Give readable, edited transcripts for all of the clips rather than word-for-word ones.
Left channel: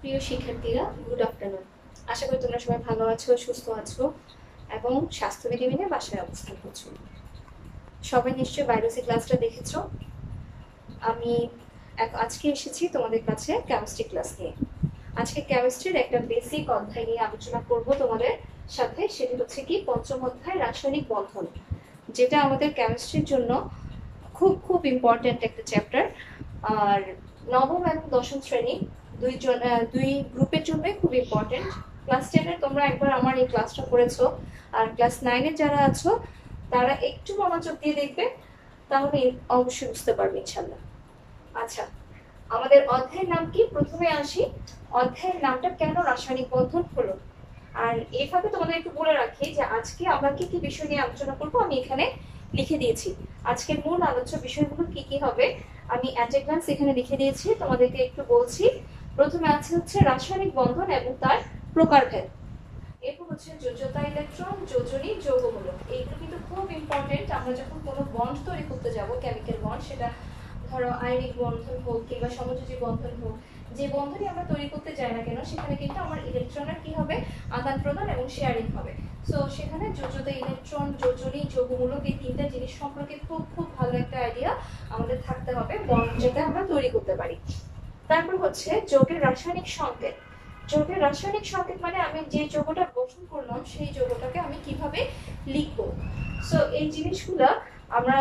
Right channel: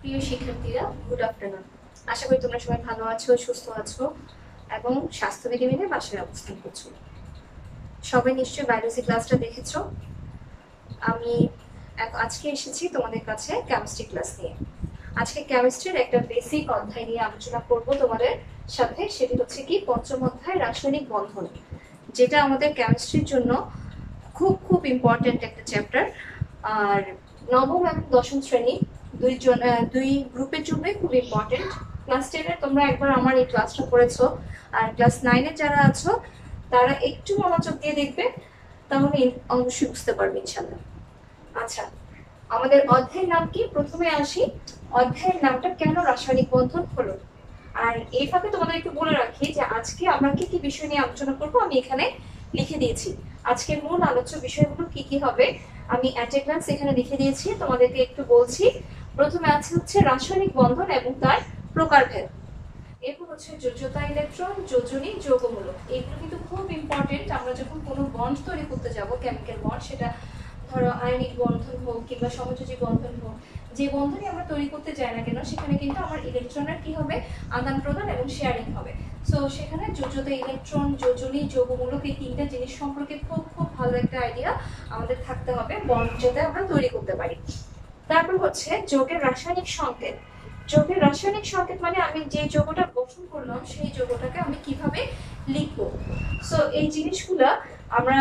প্রিয় শিক্ষার্থীরা, good afternoon. আশা করি তোমরা সবাই ভালো আছো, সুস্থ আছো এবং স্বাস্থ্যবিধি মেনে বাসায় অবস্থান করছো। সবাই নিশ্চয়ই বায়োলজি ক্লাসটা দেখেছো। আমি আজকে এসেছি তোমাদের কাছে কেমিস্ট্রি ক্লাস নিয়ে। আজকে কেমিস্ট্রির একটা বেসিক অধ্যায় নিয়ে আলোচনা করব তোমাদের সাথে। সেটি হচ্ছে কি পঞ্চম অধ্যায় রাসায়নিক বন্ধন, যেটা আমাদের কেমিস্ট্রির জন্য খুব খুব ইম্পর্টেন্ট একটা চ্যাপ্টার। আর নবম এবং দশম শ্রেণী দুই গ্রুপের জন্যই খুব ইম্পর্টেন্ট। ক্লাস 10-এর তোমরা একবার আমার এই ক্লাসটা করেছো, আর ক্লাস 9-এ যারা আছো তারা একটু মনোযোগ দিয়ে দেখবে, তাহলে অবশ্যই বুঝতে পারবে ইনশাল্লাহ। আচ্ছা, আমাদের অধ্যায়ের নাম কি? প্রথমে আসি, অধ্যায়ের নামটা কেন রাসায়নিক বন্ধন হলো। আর এইভাবে তোমাদের একটু বলে রাখি যে আজকে আমরা কি কি বিষয় নিয়ে আলোচনা করব আমি এখানে লিখে দিয়েছি। আজকের মূল আলোচ্য বিষয়গুলো কি কি হবে আমি অ্যাট এ গ্ল্যান্স এখানে লিখে দিয়েছি, তোমাদেরকে একটু বলছি। প্রথমে আছে হচ্ছে রাসায়নিক বন্ধন এবং তার প্রকারভেদ। এরপর হচ্ছে যোজ্যতা ইলেকট্রন, যোজনী, যৌগমূলক। এগুলো কিন্তু খুব ইম্পর্টেন্ট। আমরা যখন কোনো বন্ড তৈরি করতে যাব, কেমিক্যাল বন্ড, সেটা ধরো আয়নিক বন্ধন হোক কিংবা সমযোজী বন্ধন হোক, যে বন্ধনই আমরা তৈরি করতে যাই না কেন, সেখানে কিন্তু আমার ইলেকট্রনের কি হবে, আদান প্রদান এবং শেয়ারিং হবে। সো সেখানে যোজ্যতা ইলেকট্রন, যোজনী, যৌগমূলক, এই তিনটা জিনিস সম্পর্কে খুব খুব ভালো একটা আইডিয়া আমাদের থাকতে হবে বন্ড যাতে আমরা তৈরি করতে পারি। তারপর হচ্ছে যৌগের রাসায়নিক সংকেত। যৌগের রাসায়নিক সংকেত মানে আমি যে যৌগটা গঠন করলাম সেই যৌগটাকে আমি কিভাবে লিখবো। সো এই জিনিসগুলা আমরা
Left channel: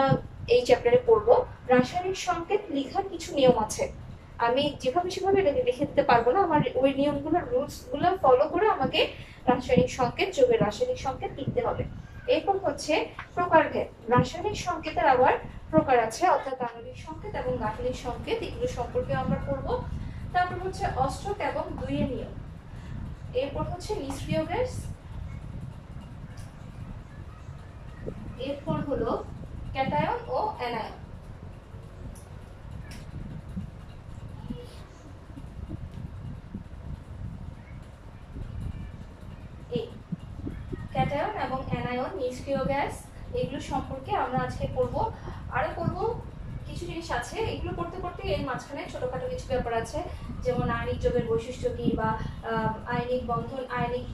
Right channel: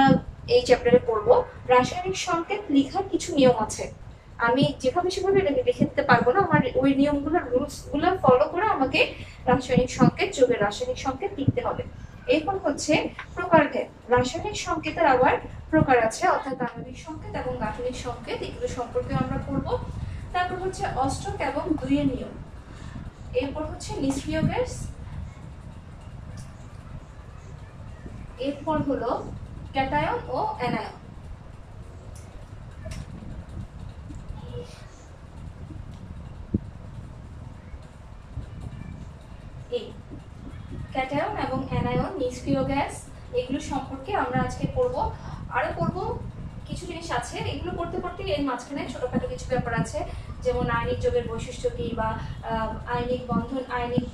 এই চ্যাপ্টারে পড়বো। রাসায়নিক সংকেত লেখার কিছু নিয়ম আছে, আমি যেভাবে সেভাবে লিখে দিতে পারবো না। আমার ওই নিয়মগুলো, রুলস গুলো ফলো করে আমাকে রাসায়নিক সংকেত, যৌগের রাসায়নিক সংকেত লিখতে হবে। এরপর হচ্ছে প্রকারভেদ। রাসায়নিক সংকেতের আবার প্রকার আছে, অর্থাৎ আণবিক সংকেত এবং গাঠনিক সংকেত, এগুলো সম্পর্কে আমরা পড়বো। তারপর হচ্ছে অষ্টক এবং দুইয়ের নিয়ম। এরপর হচ্ছে নিষ্ক্রিয় গ্যাস। এরপর হলো ক্যাটায়ন ও অ্যানায়ন। এই ক্যাটায়ন এবং অ্যানায়ন, নিষ্ক্রিয় গ্যাস, এগুলো সম্পর্কে আমরা আজকে পড়বো। আরো পড়বো কিছু জিনিস আছে, এগুলো পড়তে পড়তে এর মাঝখানে ছোটখাটো কিছু ব্যাপার আছে, যেমন আয়নিক যৌগের বৈশিষ্ট্য কি, বা আয়নিক বন্ধন, আয়নিক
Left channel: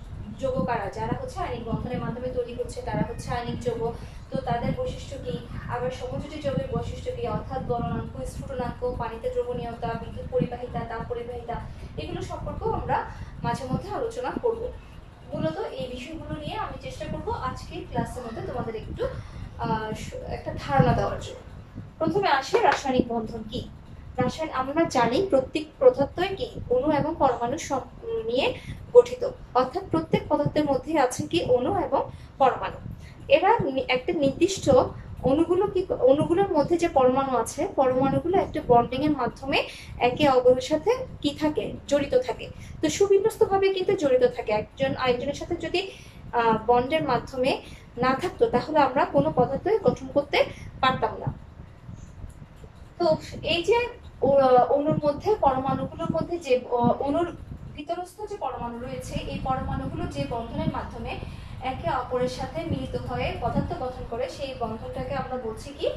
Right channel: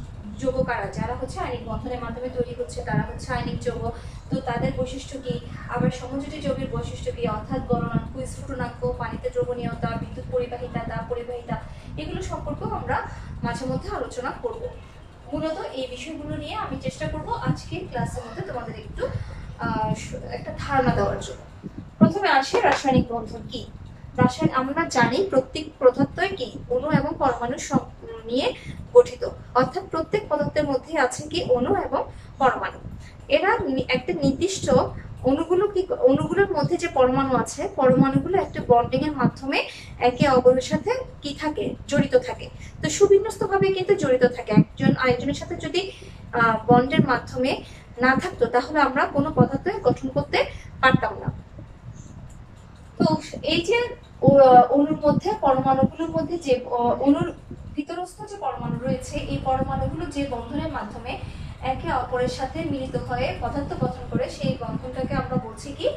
যৌগ কারা, যারা হচ্ছে আয়নিক বন্ধনের মাধ্যমে তৈরি হচ্ছে তারা হচ্ছে আয়নিক যৌগ, তো তাদের বৈশিষ্ট্য কি। আবার সমযোজী যৌগের বৈশিষ্ট্য কি, অর্থাৎ গলনাঙ্ক, স্ফুটনাঙ্ক, পানিতে দ্রবণীয়তা, বিদ্যুৎ পরিবাহিতা, তাপ পরিবাহিতা, এগুলো সম্পর্কেও আমরা মাঝে মধ্যে আলোচনা করব। মূলত এই বিষয়গুলো নিয়ে আমি চেষ্টা করব আজকে ক্লাসের মধ্যে তোমাদের একটু একটা ধারণা দেওয়ার জন্য। প্রথমে আসি রাসায়নিক বন্ধন কি। আমরা জানি প্রত্যেক পদার্থই কি অণু এবং পরমাণু নিয়ে গঠিত, অর্থাৎ প্রত্যেক পদার্থের মধ্যে আছে কি অণু এবং পরমাণু। এরা একটা নির্দিষ্ট অণুগুলোর মধ্যে যে পরমাণু আছে, পরমাণুগুলো একটা বন্ডিং এর মাধ্যমে একে অপরের সাথে কি থাকে, জড়িত থাকে। তো সুবিন্যস্ত ভাবে কিন্তু জড়িত থাকে। একজন আরেকজনের সাথে যদি বন্ডের মাধ্যমে না থাকতো তাহলে আমরা কোনো পদার্থ গঠন করতে পারতাম না। তো এই যে অণুর মধ্যে, পরমাণুগুলোর মধ্যে যে অণুর ভিতরস্থ যে পরমাণু রয়েছে, এই পরমাণুগুলো যে বন্ধনের মাধ্যমে একে অপরের সাথে মিলিত হয়ে পদার্থ গঠন করে, সেই বন্ধনটাকে আমরা বলছি কি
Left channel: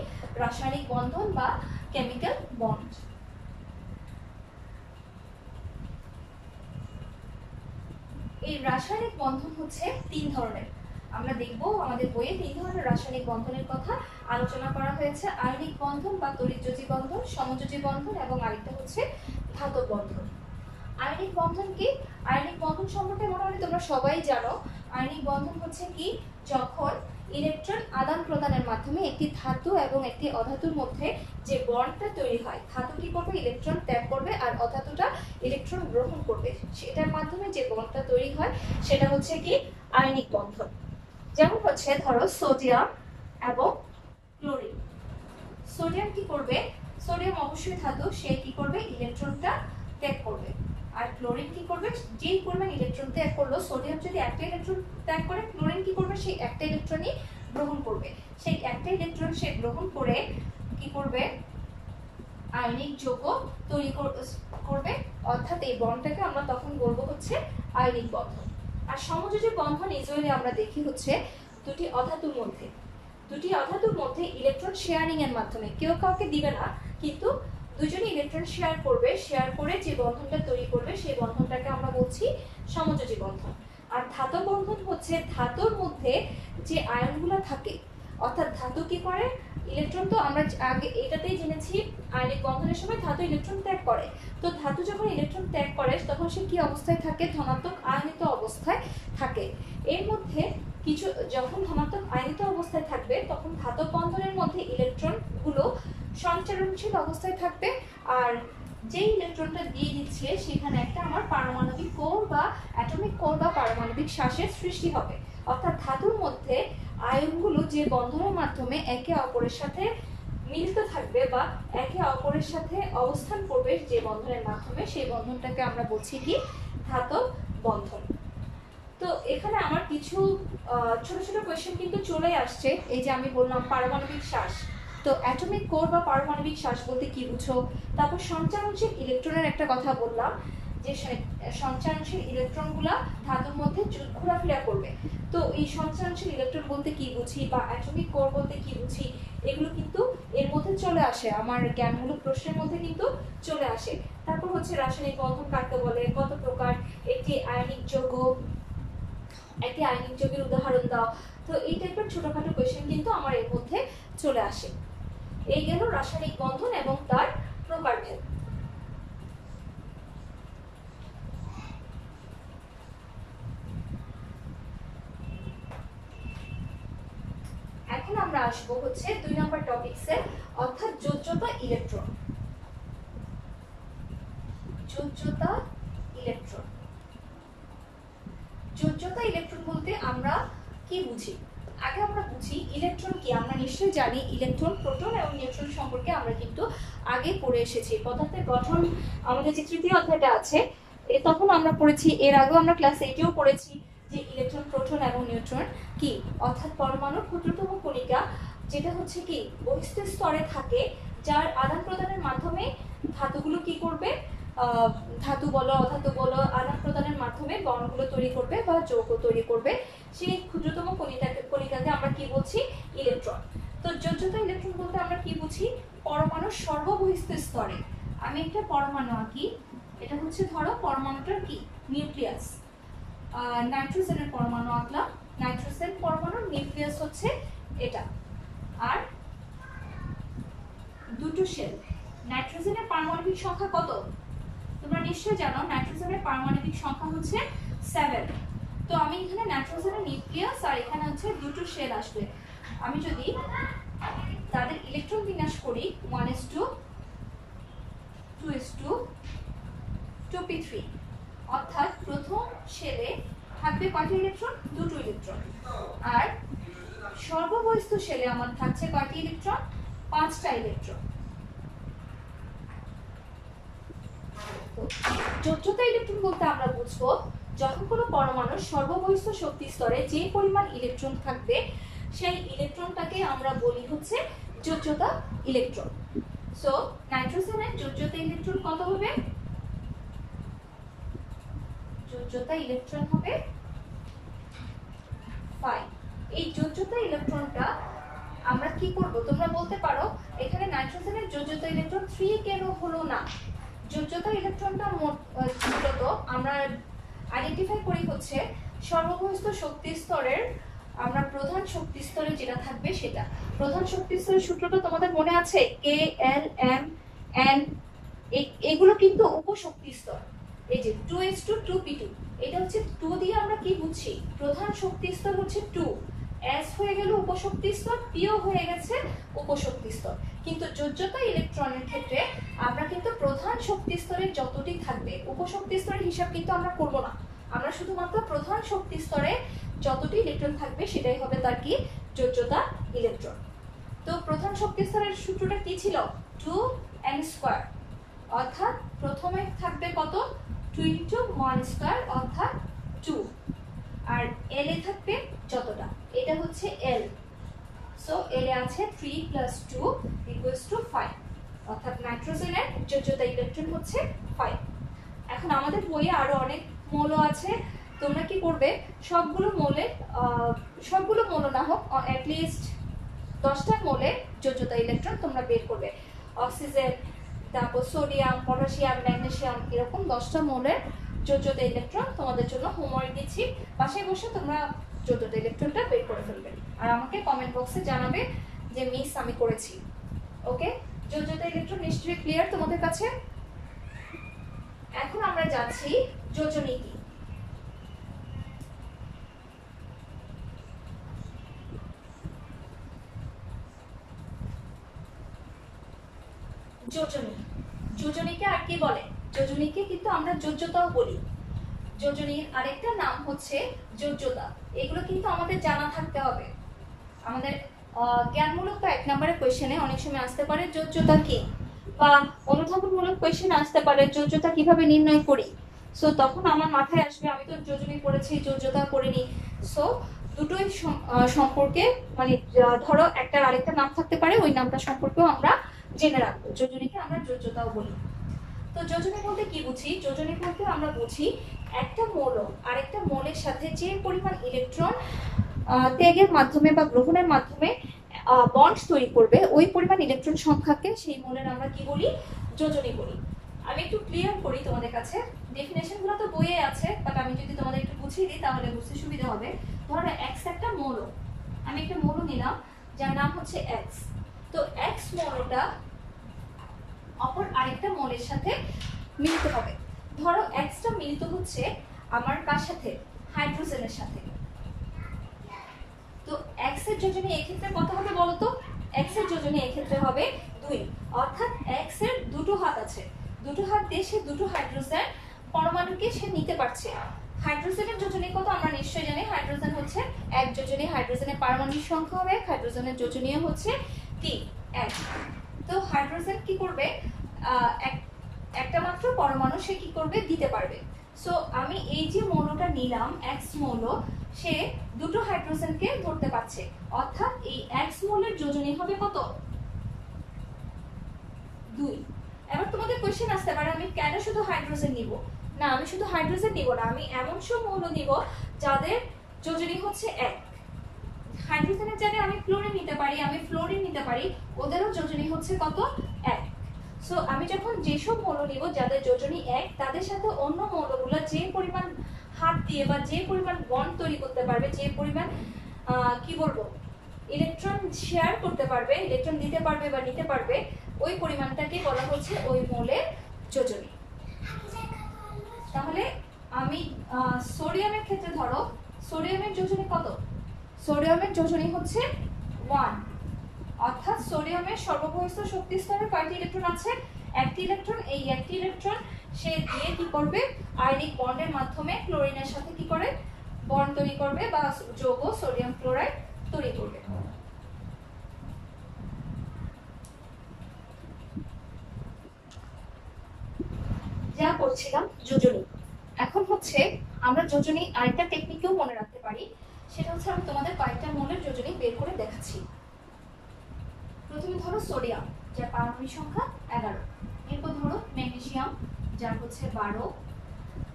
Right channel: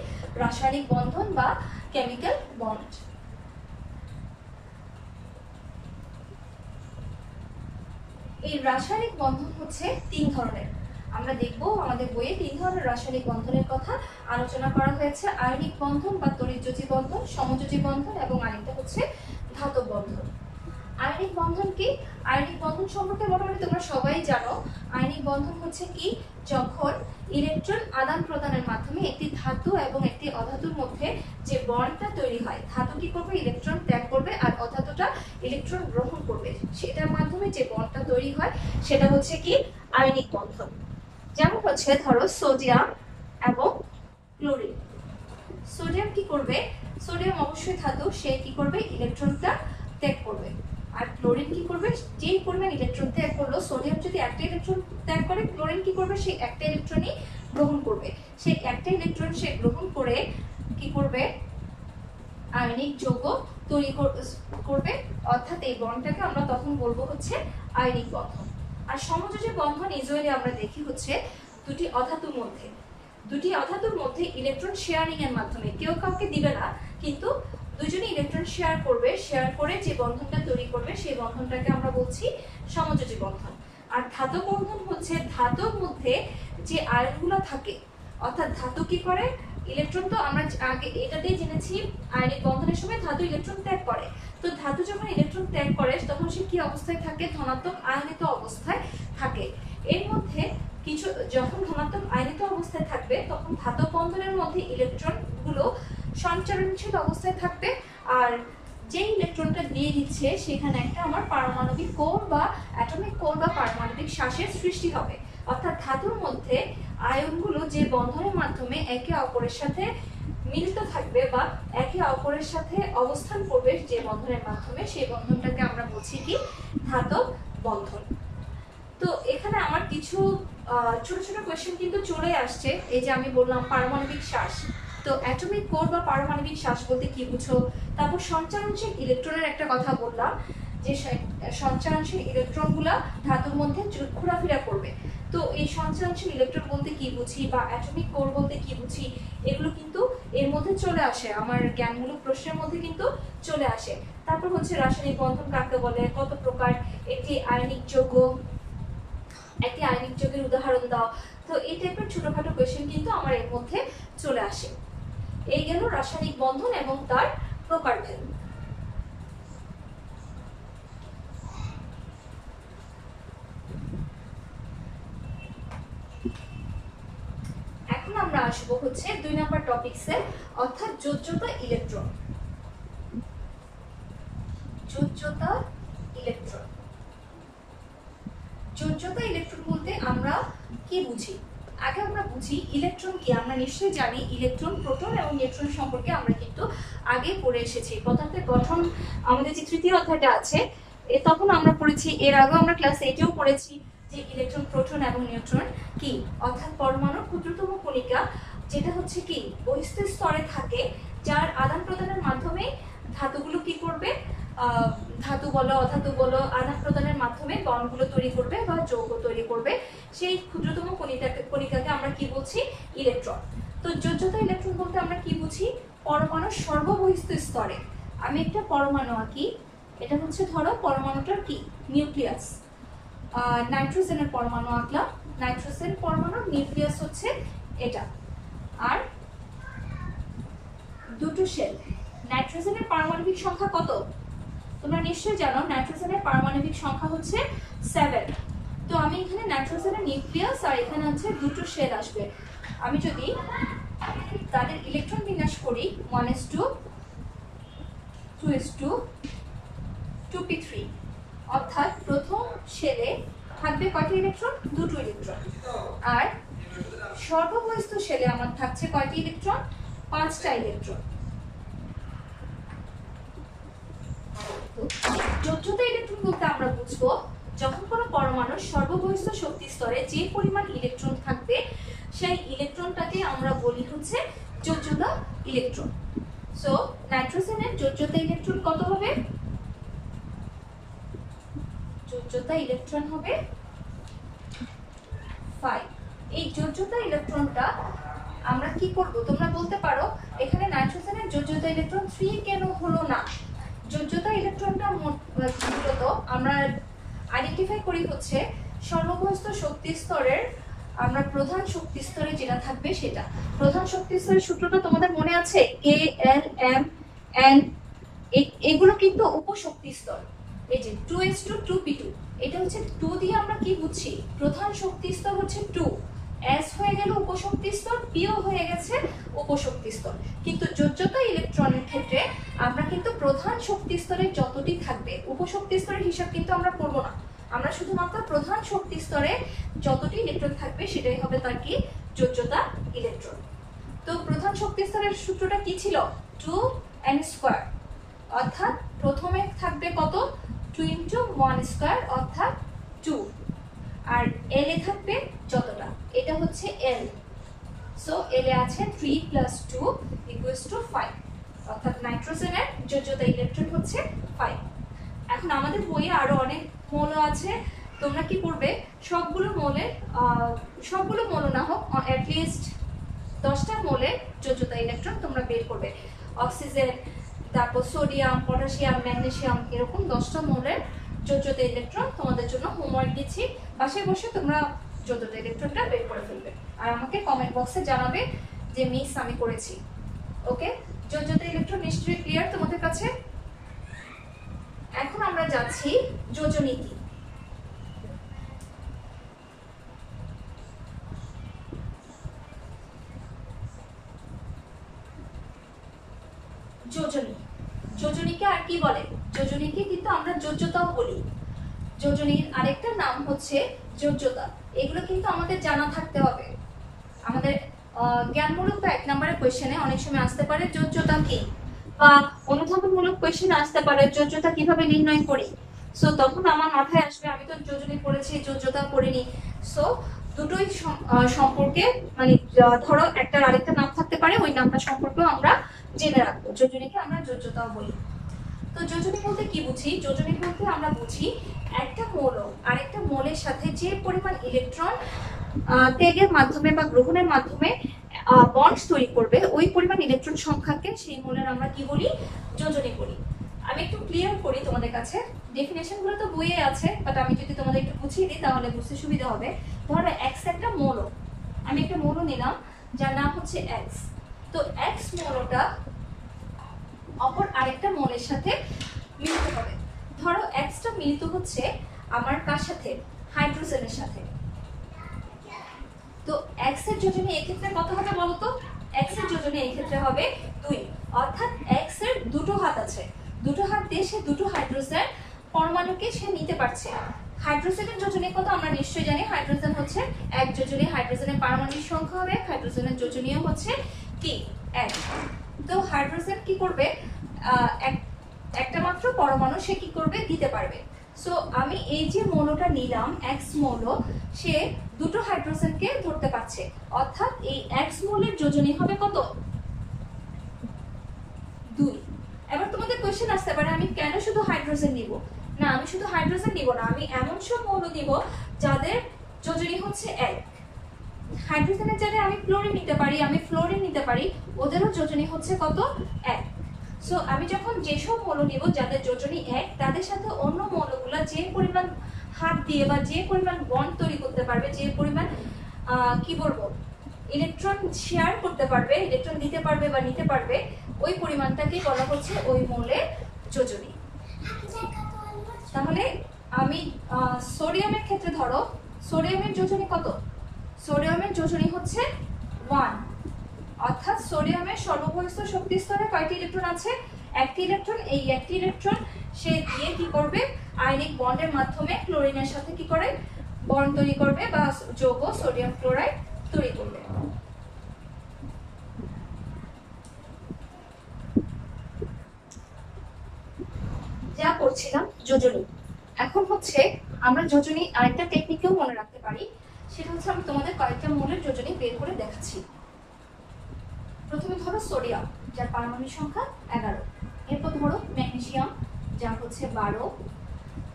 রাসায়নিক বন্ধন বা কেমিক্যাল বন্ড। এই রাসায়নিক বন্ধন হচ্ছে তিন ধরনের। আমরা দেখব আমাদের বইয়ে তিন ধরনের রাসায়নিক বন্ধনের কথা আলোচনা করা হয়েছে: আয়নিক বন্ধন বা তড়িৎযোজী বন্ধন, সমযোজী বন্ধন এবং আরেকটা হচ্ছে ধাতব বন্ধন। আয়নিক বন্ধন কি? আয়নিক বন্ধন সম্পর্কে মোটামুটি তোমরা সবাই জানো। আয়নিক বন্ধন হচ্ছে কি, যখন ইলেকট্রন আদান প্রদানের মাধ্যমে একটি ধাতু এবং একটি অধাতুর মধ্যে যে বন্ডটা তৈরি হয়, ধাতু কি করবে, ইলেকট্রন ত্যাগ করবে, আর অধাতুটা ইলেকট্রন গ্রহণ করবে, সেটার মাধ্যমে যে বন্ডটা তৈরি হয় সেটা হচ্ছে কি আয়নিক বন্ধন। যেমন হচ্ছে ধরো সোডিয়াম এবং ক্লোরিন। সোডিয়াম কি করবে, সোডিয়াম অবশ্যই ধাতু, সে কি করবে, ইলেকট্রনটা ত্যাগ করবে। আর ক্লোরিন কি করবে, যেই পরিমাণ ইলেকট্রন ত্যাগ করলো, সোডিয়াম যদি একটা ইলেকট্রন ত্যাগ করে, ক্লোরিন কি করবে, সেই একটা ইলেকট্রনই গ্রহণ করবে। সেই একটা ইলেকট্রন সে গ্রহণ করে কি করবে, আয়নিক যৌগ তৈরি করবে, অর্থাৎ এই বন্ডটাকে আমরা তখন বলবো হচ্ছে আয়নিক বন্ধন। আর সমযোজী বন্ধন ইউজুয়ালি আমরা দেখি হচ্ছে দুটি অধাতুর মধ্যে ইলেকট্রন শেয়ারিং এর মাধ্যমে, কেউ কাউকে দিবে না, কিন্তু দুজনে ইলেকট্রন শেয়ার করবে, শেয়ার করে যে বন্ধনটা তৈরি করবে সেই বন্ধনটাকে আমরা বলছি সমযোজী বন্ধন। আর ধাতব বন্ধন হচ্ছে ধাতুর মধ্যে যে আয়নগুলো থাকে, অর্থাৎ ধাতু কি করে, ইলেকট্রন তো আমরা আগে এটাতেই জেনেছি আয়নিক বন্ধনের সময় ধাতু ইলেকট্রন ত্যাগ করে। তো ধাতু যখন ইলেকট্রন ত্যাগ করে তখন সে কি অবস্থায় থাকে, ধনাত্মক আয়নিত অবস্থায় থাকে। এর মধ্যে কিছু যখন ধনাত্মক আয়নিত অবস্থায় থাকবে তখন ধাতব বন্ধনের মধ্যে ইলেকট্রন গুলো সঞ্চারণশীল অবস্থায় থাকবে, আর যে ইলেকট্রনটা দিয়ে দিচ্ছে সেখানে একটা আমার পারমাণবিক কোর বা অ্যাটমিক কোর বা পারমাণবিক শ্বাসের সৃষ্টি হবে। অর্থাৎ ধাতুর মধ্যে আয়নগুলো যে বন্ধনের মাধ্যমে একে অপরের সাথে মিলিত থাকবে বা একে অপরের সাথে অবস্থান করবে যে বন্ধনের মাধ্যমে, সেই বন্ধনটাকে আমরা বলছি কি ধাতব বন্ধন। তো এখানে আমার কিছু ছোট ছোট কোয়েশ্চেন কিন্তু চলে আসছে। এই যে আমি বললাম পারমাণবিক শ্বাস, তো অ্যাটমিক কোর বা পারমাণবিক শ্বাস বলতে কি বুঝো, তারপর সঞ্চারণশীল ইলেকট্রনের একটা কথা বললাম যে সঞ্চারণশীল ইলেকট্রনগুলা ধাতুর মধ্যে ঘোরাফেরা করবে। তো এই সঞ্চারণশীল ইলেকট্রন বলতে কি বুঝি বা অ্যাটমিক কোর বলতে কি বুঝি, এগুলো কিন্তু এর মধ্যে চলে আসে, আমার জ্ঞানমূলক প্রশ্নের মধ্যে কিন্তু চলে আসে। তারপর হচ্ছে রাসায়নিক বন্ধন কাকে বলে, কত প্রকার, একটি আয়নিক যৌগ, একটি আয়নিক যৌগের উদাহরণ দাও। তো এই টাইপের ছোটখাটো কোয়েশ্চেন কিন্তু আমার এর মধ্যে চলে আসে। এই গেল রাসায়নিক বন্ধন এবং তার প্রকারভেদ। এখন আমরা আসবো হচ্ছে 2 নাম্বার টপিকসে, অর্থাৎ যোজ্যতা ইলেকট্রন। যোজ্যতা ইলেকট্রন, যোজ্যতা ইলেকট্রন বলতে আমরা কি বুঝি, আগে আমরা বুঝি ইলেকট্রন কি। আমরা নিশ্চয়ই জানি ইলেকট্রন, প্রোটন এবং নিউট্রন সম্পর্কে আমরা কিন্তু আগে পড়ে এসেছি। পদার্থের গঠন আমাদের যে তৃতীয় অধ্যায়টা আছে তখন আমরা পড়েছি, এর আগেও আমরা ক্লাস 8এও পড়েছি যে ইলেকট্রন, প্রোটন এবং নিউট্রন কি, অর্থাৎ পরমাণুর ক্ষুদ্রতম কণিকা যেটা হচ্ছে কি বহিস্থ স্তরে থাকে, যার আদান প্রদানের মাধ্যমে ধাতুগুলো কি করবে, ধাতু বলো অধাতু বলো, আদান প্রদানের মাধ্যমে বন্ডগুলো তৈরি করবে বা যৌগ তৈরি করবে। সেই ক্ষুদ্রতম কণিকাকে আমরা কি বলছি, ইলেকট্রন। তো যোজ্যতা ইলেকট্রন বলতে আমরা কি বুঝি, পরমাণুর সর্ববহিস্থ স্তরে। আমি একটা পরমাণু আঁকি, এটা হচ্ছে ধরো পরমাণুটার কি নিউক্লিয়াস, নাইট্রোজেনের পরমাণু আঁকলাম, নাইট্রোজেন পরমাণুর নিউক্লিয়াস হচ্ছে এটা, আর দুটো শেল। নাইট্রোজেনের পারমাণবিক সংখ্যা কত তোমরা নিশ্চয়ই জানো, নাইট্রোজেনের পারমাণবিক সংখ্যা হচ্ছে 7। তো আমি এখানে নাইট্রোজেনের নিউক্লিয়াস আর এখানে হচ্ছে দুটো শেল আসবে। আমি যদি তাদের ইলেকট্রন বিন্যাস করি 1s2 2s2 2p3, অর্থাৎ প্রথম শেলে থাকবে কয়টি ইলেকট্রন, দুটো ইলেকট্রন, আর সর্ববহিস্থ শেলে আমার থাকছে কয়টি ইলেকট্রন, 5টা ইলেকট্রন। যোজ্যতা ইলেকট্রন বলতে আমরা বুঝবো যখন কোনো পরমাণুর সর্ববহিস্থ শক্তি স্তরে যে পরিমাণ ইলেকট্রন থাকবে সেই ইলেকট্রনটাকে আমরা বলি হচ্ছে যোজ্যতা ইলেকট্রন। সো নাইট্রোজেনের যোজ্যতা ইলেকট্রন কত হবে, যোজ্যতা ইলেকট্রন হবে 5। এই যোজ্যতা ইলেকট্রনটা আমরা কি করব, তোমরা বলতে পারো এখানে নাইট্রোজেনের যোজ্যতা ইলেকট্রন 3 কেন হলো না। যোজ্যতা ইলেকট্রনটা মূলত আমরা আইডেন্টিফাই করি হচ্ছে সর্ববহিস্থ শক্তি স্তরের, আমরা প্রধান শক্তি স্তরে যেটা থাকবে সেটা। প্রধান শক্তি স্তরের সূত্রটা তোমাদের মনে আছে, K L M N, এগুলো কিন্তু উপশক্তি স্তর। এই যে 2s2 2p2, এটা হচ্ছে 2 দিয়ে আমরা কি বুঝছি, প্রধান শক্তি স্তর হচ্ছে 2, S হয়ে গেল উপশক্তি স্তর, Pও হয়ে গেছে উপশক্তি স্তর। কিন্তু যোজ্যতা ইলেকট্রনের ক্ষেত্রে আমরা কিন্তু প্রধান শক্তি স্তরে যতটি থাকবে, উপশক্তি স্তরের হিসাব কিন্তু আমরা করব না, আমরা শুধুমাত্র প্রধান শক্তি স্তরে যতটি ইলেকট্রন থাকবে সেটাই হবে তার কি যোজ্যতা ইলেকট্রন। তো প্রধান শক্তি স্তরের সূত্রটা কি ছিল, 2n², অর্থাৎ প্রথমে থাকবে কত, 2 × 1² অর্থাৎ 2, আর L এ থাকবে যতটা, এটা হচ্ছে L। সো L এ আছে 3 + 2 = 5, অর্থাৎ নাইট্রোজেনের যোজ্যতা ইলেকট্রন হচ্ছে 5। এখন আমাদের বইয়ে আরো অনেক মৌল আছে, তোমরা কি করবে সবগুলো মৌল না হোক অ্যাটলিস্ট 10টা মৌলের যোজ্যতা ইলেকট্রন তোমরা বের করবে। অক্সিজেন, তারপর সোডিয়াম, পটাশিয়াম, ম্যাগনেসিয়াম, এরকম 10টা মৌলের যোজ্যতা ইলেকট্রন তোমাদের জন্য হোমওয়ার্ক দিচ্ছি। বাসায় বসে তোমরা যোজ্যতা ইলেকট্রনটা বের করে ফেলবে আর আমাকে কমেন্ট বক্সে জানাবে যে মিস আমি করেছি। ওকে, যোজ্যতা ইলেকট্রন নিশ্চয়ই ক্লিয়ার তোমাদের কাছে। এখন আমরা যাচ্ছি যোজনী কি। যোজনী, যোজনীকে আর কি বলে? যোজনীকে কিন্তু আমরা যোজ্যতাও বলি। যোজনীর আরেকটা নাম হচ্ছে যোজ্যতা। এগুলো কিন্তু আমাদের জানা থাকতে হবে। আমাদের জ্ঞানমূলক বা 1 নম্বরের কোয়েশ্চেনে অনেক সময় আসতে পারে যোজ্যতা কি, বা অনুধাবনমূলক কোয়েশ্চেন আসতে পারে যোজ্যতা কিভাবে নির্ণয় করি। সো তখন আমার মাথায় আসবে আমি তো যোজনী পড়েছি, যোজ্যতা পড়িনি। সো দুটোই সম্পর্কে মানে ধরো একটার আরেকটা নাম থাকতে পারে, ওই নামটা সম্পর্কেও আমরা জেনে রাখবো। যোজনীকে আমরা যোজ্যতাও বলি। তো যোজনী বলতে কি বুঝি? যোজনী বলতে আমরা বুঝি একটা মৌল আরেকটা মৌলের সাথে যে পরিমাণ ইলেকট্রন ত্যাগের মাধ্যমে বা গ্রহণের মাধ্যমে বন্ড তৈরি করবে, ওই পরিমাণ ইলেকট্রন সংখ্যাকে সেই মৌলের আমরা কি বলি? যোজনী বলি। আমি একটু ক্লিয়ার করি তোমাদের কাছে। ডেফিনেশন গুলো তো বইয়ে আছে, বাট আমি যদি তোমাদের একটু বুঝিয়ে দিই তাহলে বুঝতে সুবিধা হবে। ধরো এক্স একটা মৌল, আমি একটা মৌল নিলাম যার নাম হচ্ছে এক্স। তো এক্স মৌলটা অপর আরেকটা মৌলের সাথে মিলিত হবে। ধরো এক্সটা মিলিত হচ্ছে আমার কার সাথে? হাইড্রোজেনের সাথে। তো এক্স এর যোজনী এই ক্ষেত্রে কত হবে বলো তো? এক্স এর যোজনী এই ক্ষেত্রে হবে 2, অর্থাৎ এক্স এর দুটো হাত আছে। দুটো হাত দিয়ে সে দুটো হাইড্রোজেন পরমাণুকে সে নিতে পারছে। হাইড্রোজেনের যোজনী কত আমরা নিশ্চয়ই জানি। হাইড্রোজেন হচ্ছে এক যোজনী, হাইড্রোজেনের পারমাণবিক সংখ্যা হবে, হাইড্রোজেনের যোজনীয় হচ্ছে কি? 1। তো হাইড্রোজেন কি করবে? একটা মাত্র পরমাণু সে কি করবে? দিতে পারবে। সো আমি এই যে মৌলটা নিলাম এক্স মৌল, সে দুটো হাইড্রোজেনকে ধরতে পারছে, অর্থাৎ এই এক্স মৌলের যোজনী হবে কত? 2। এবার তোমাদের কোশ্চেন আসতে পারে আমি কেন শুধু হাইড্রোজেন নিব? না, আমি শুধু হাইড্রোজেন নিব না, আমি এমন সব মৌল নিব যাদের যোজনী হচ্ছে 1। হাইড্রোজেনের জায়গায় আমি ক্লোরিন নিতে পারি, আমি ফ্লোরিন নিতে পারি, ওদেরও যোজনী হচ্ছে কত? 1। সো আমি যখন যেসব মৌল নিব যাদের যোজনী 1, তাদের সাথে অন্য মৌলগুলো যে পরিমাণ হাত দিয়ে বা যে পরিমাণ বন্ড তৈরি করতে পারবে, যে পরিমাণ কি বলবো ইলেকট্রন শেয়ার করতে পারবে, ইলেকট্রন দিতে পারবে বা নিতে পারবে, ওই পরিমাণটাকে বলা হচ্ছে ওই মৌলের যোজনী। তাহলে আমি সোডিয়ামের ক্ষেত্রে ধরো সোডিয়ামের যোজনী কত? সোডিয়ামের যোজনী হচ্ছে 1, অর্থাৎ সোডিয়ামের সর্ববহিষ্ঠ শক্তি স্তরে কয়টি ইলেকট্রন আছে? 1টি ইলেকট্রন। এই 1টি ইলেকট্রন সে দিয়ে কি করবে? আয়নিক বন্ডের মাধ্যমে ক্লোরিনের সাথে কি করে? বন্ড তৈরি করবে বা যৌগ সোডিয়াম ক্লোরাইড তৈরি করবে। যা করছিলাম যোজনী, এখন হচ্ছে আমরা যোজনী আরেকটা টেকনিকেও মনে রাখতে পারি। সেটা হচ্ছে আমি তোমাদের কয়েকটা মৌলের যোজনী বের করে দেখাচ্ছি। প্রথমে ধরো সোডিয়াম, যার পারমাণবিক সংখ্যা 11। এরপর ধরো ম্যাগনেসিয়াম, যার হচ্ছে 12।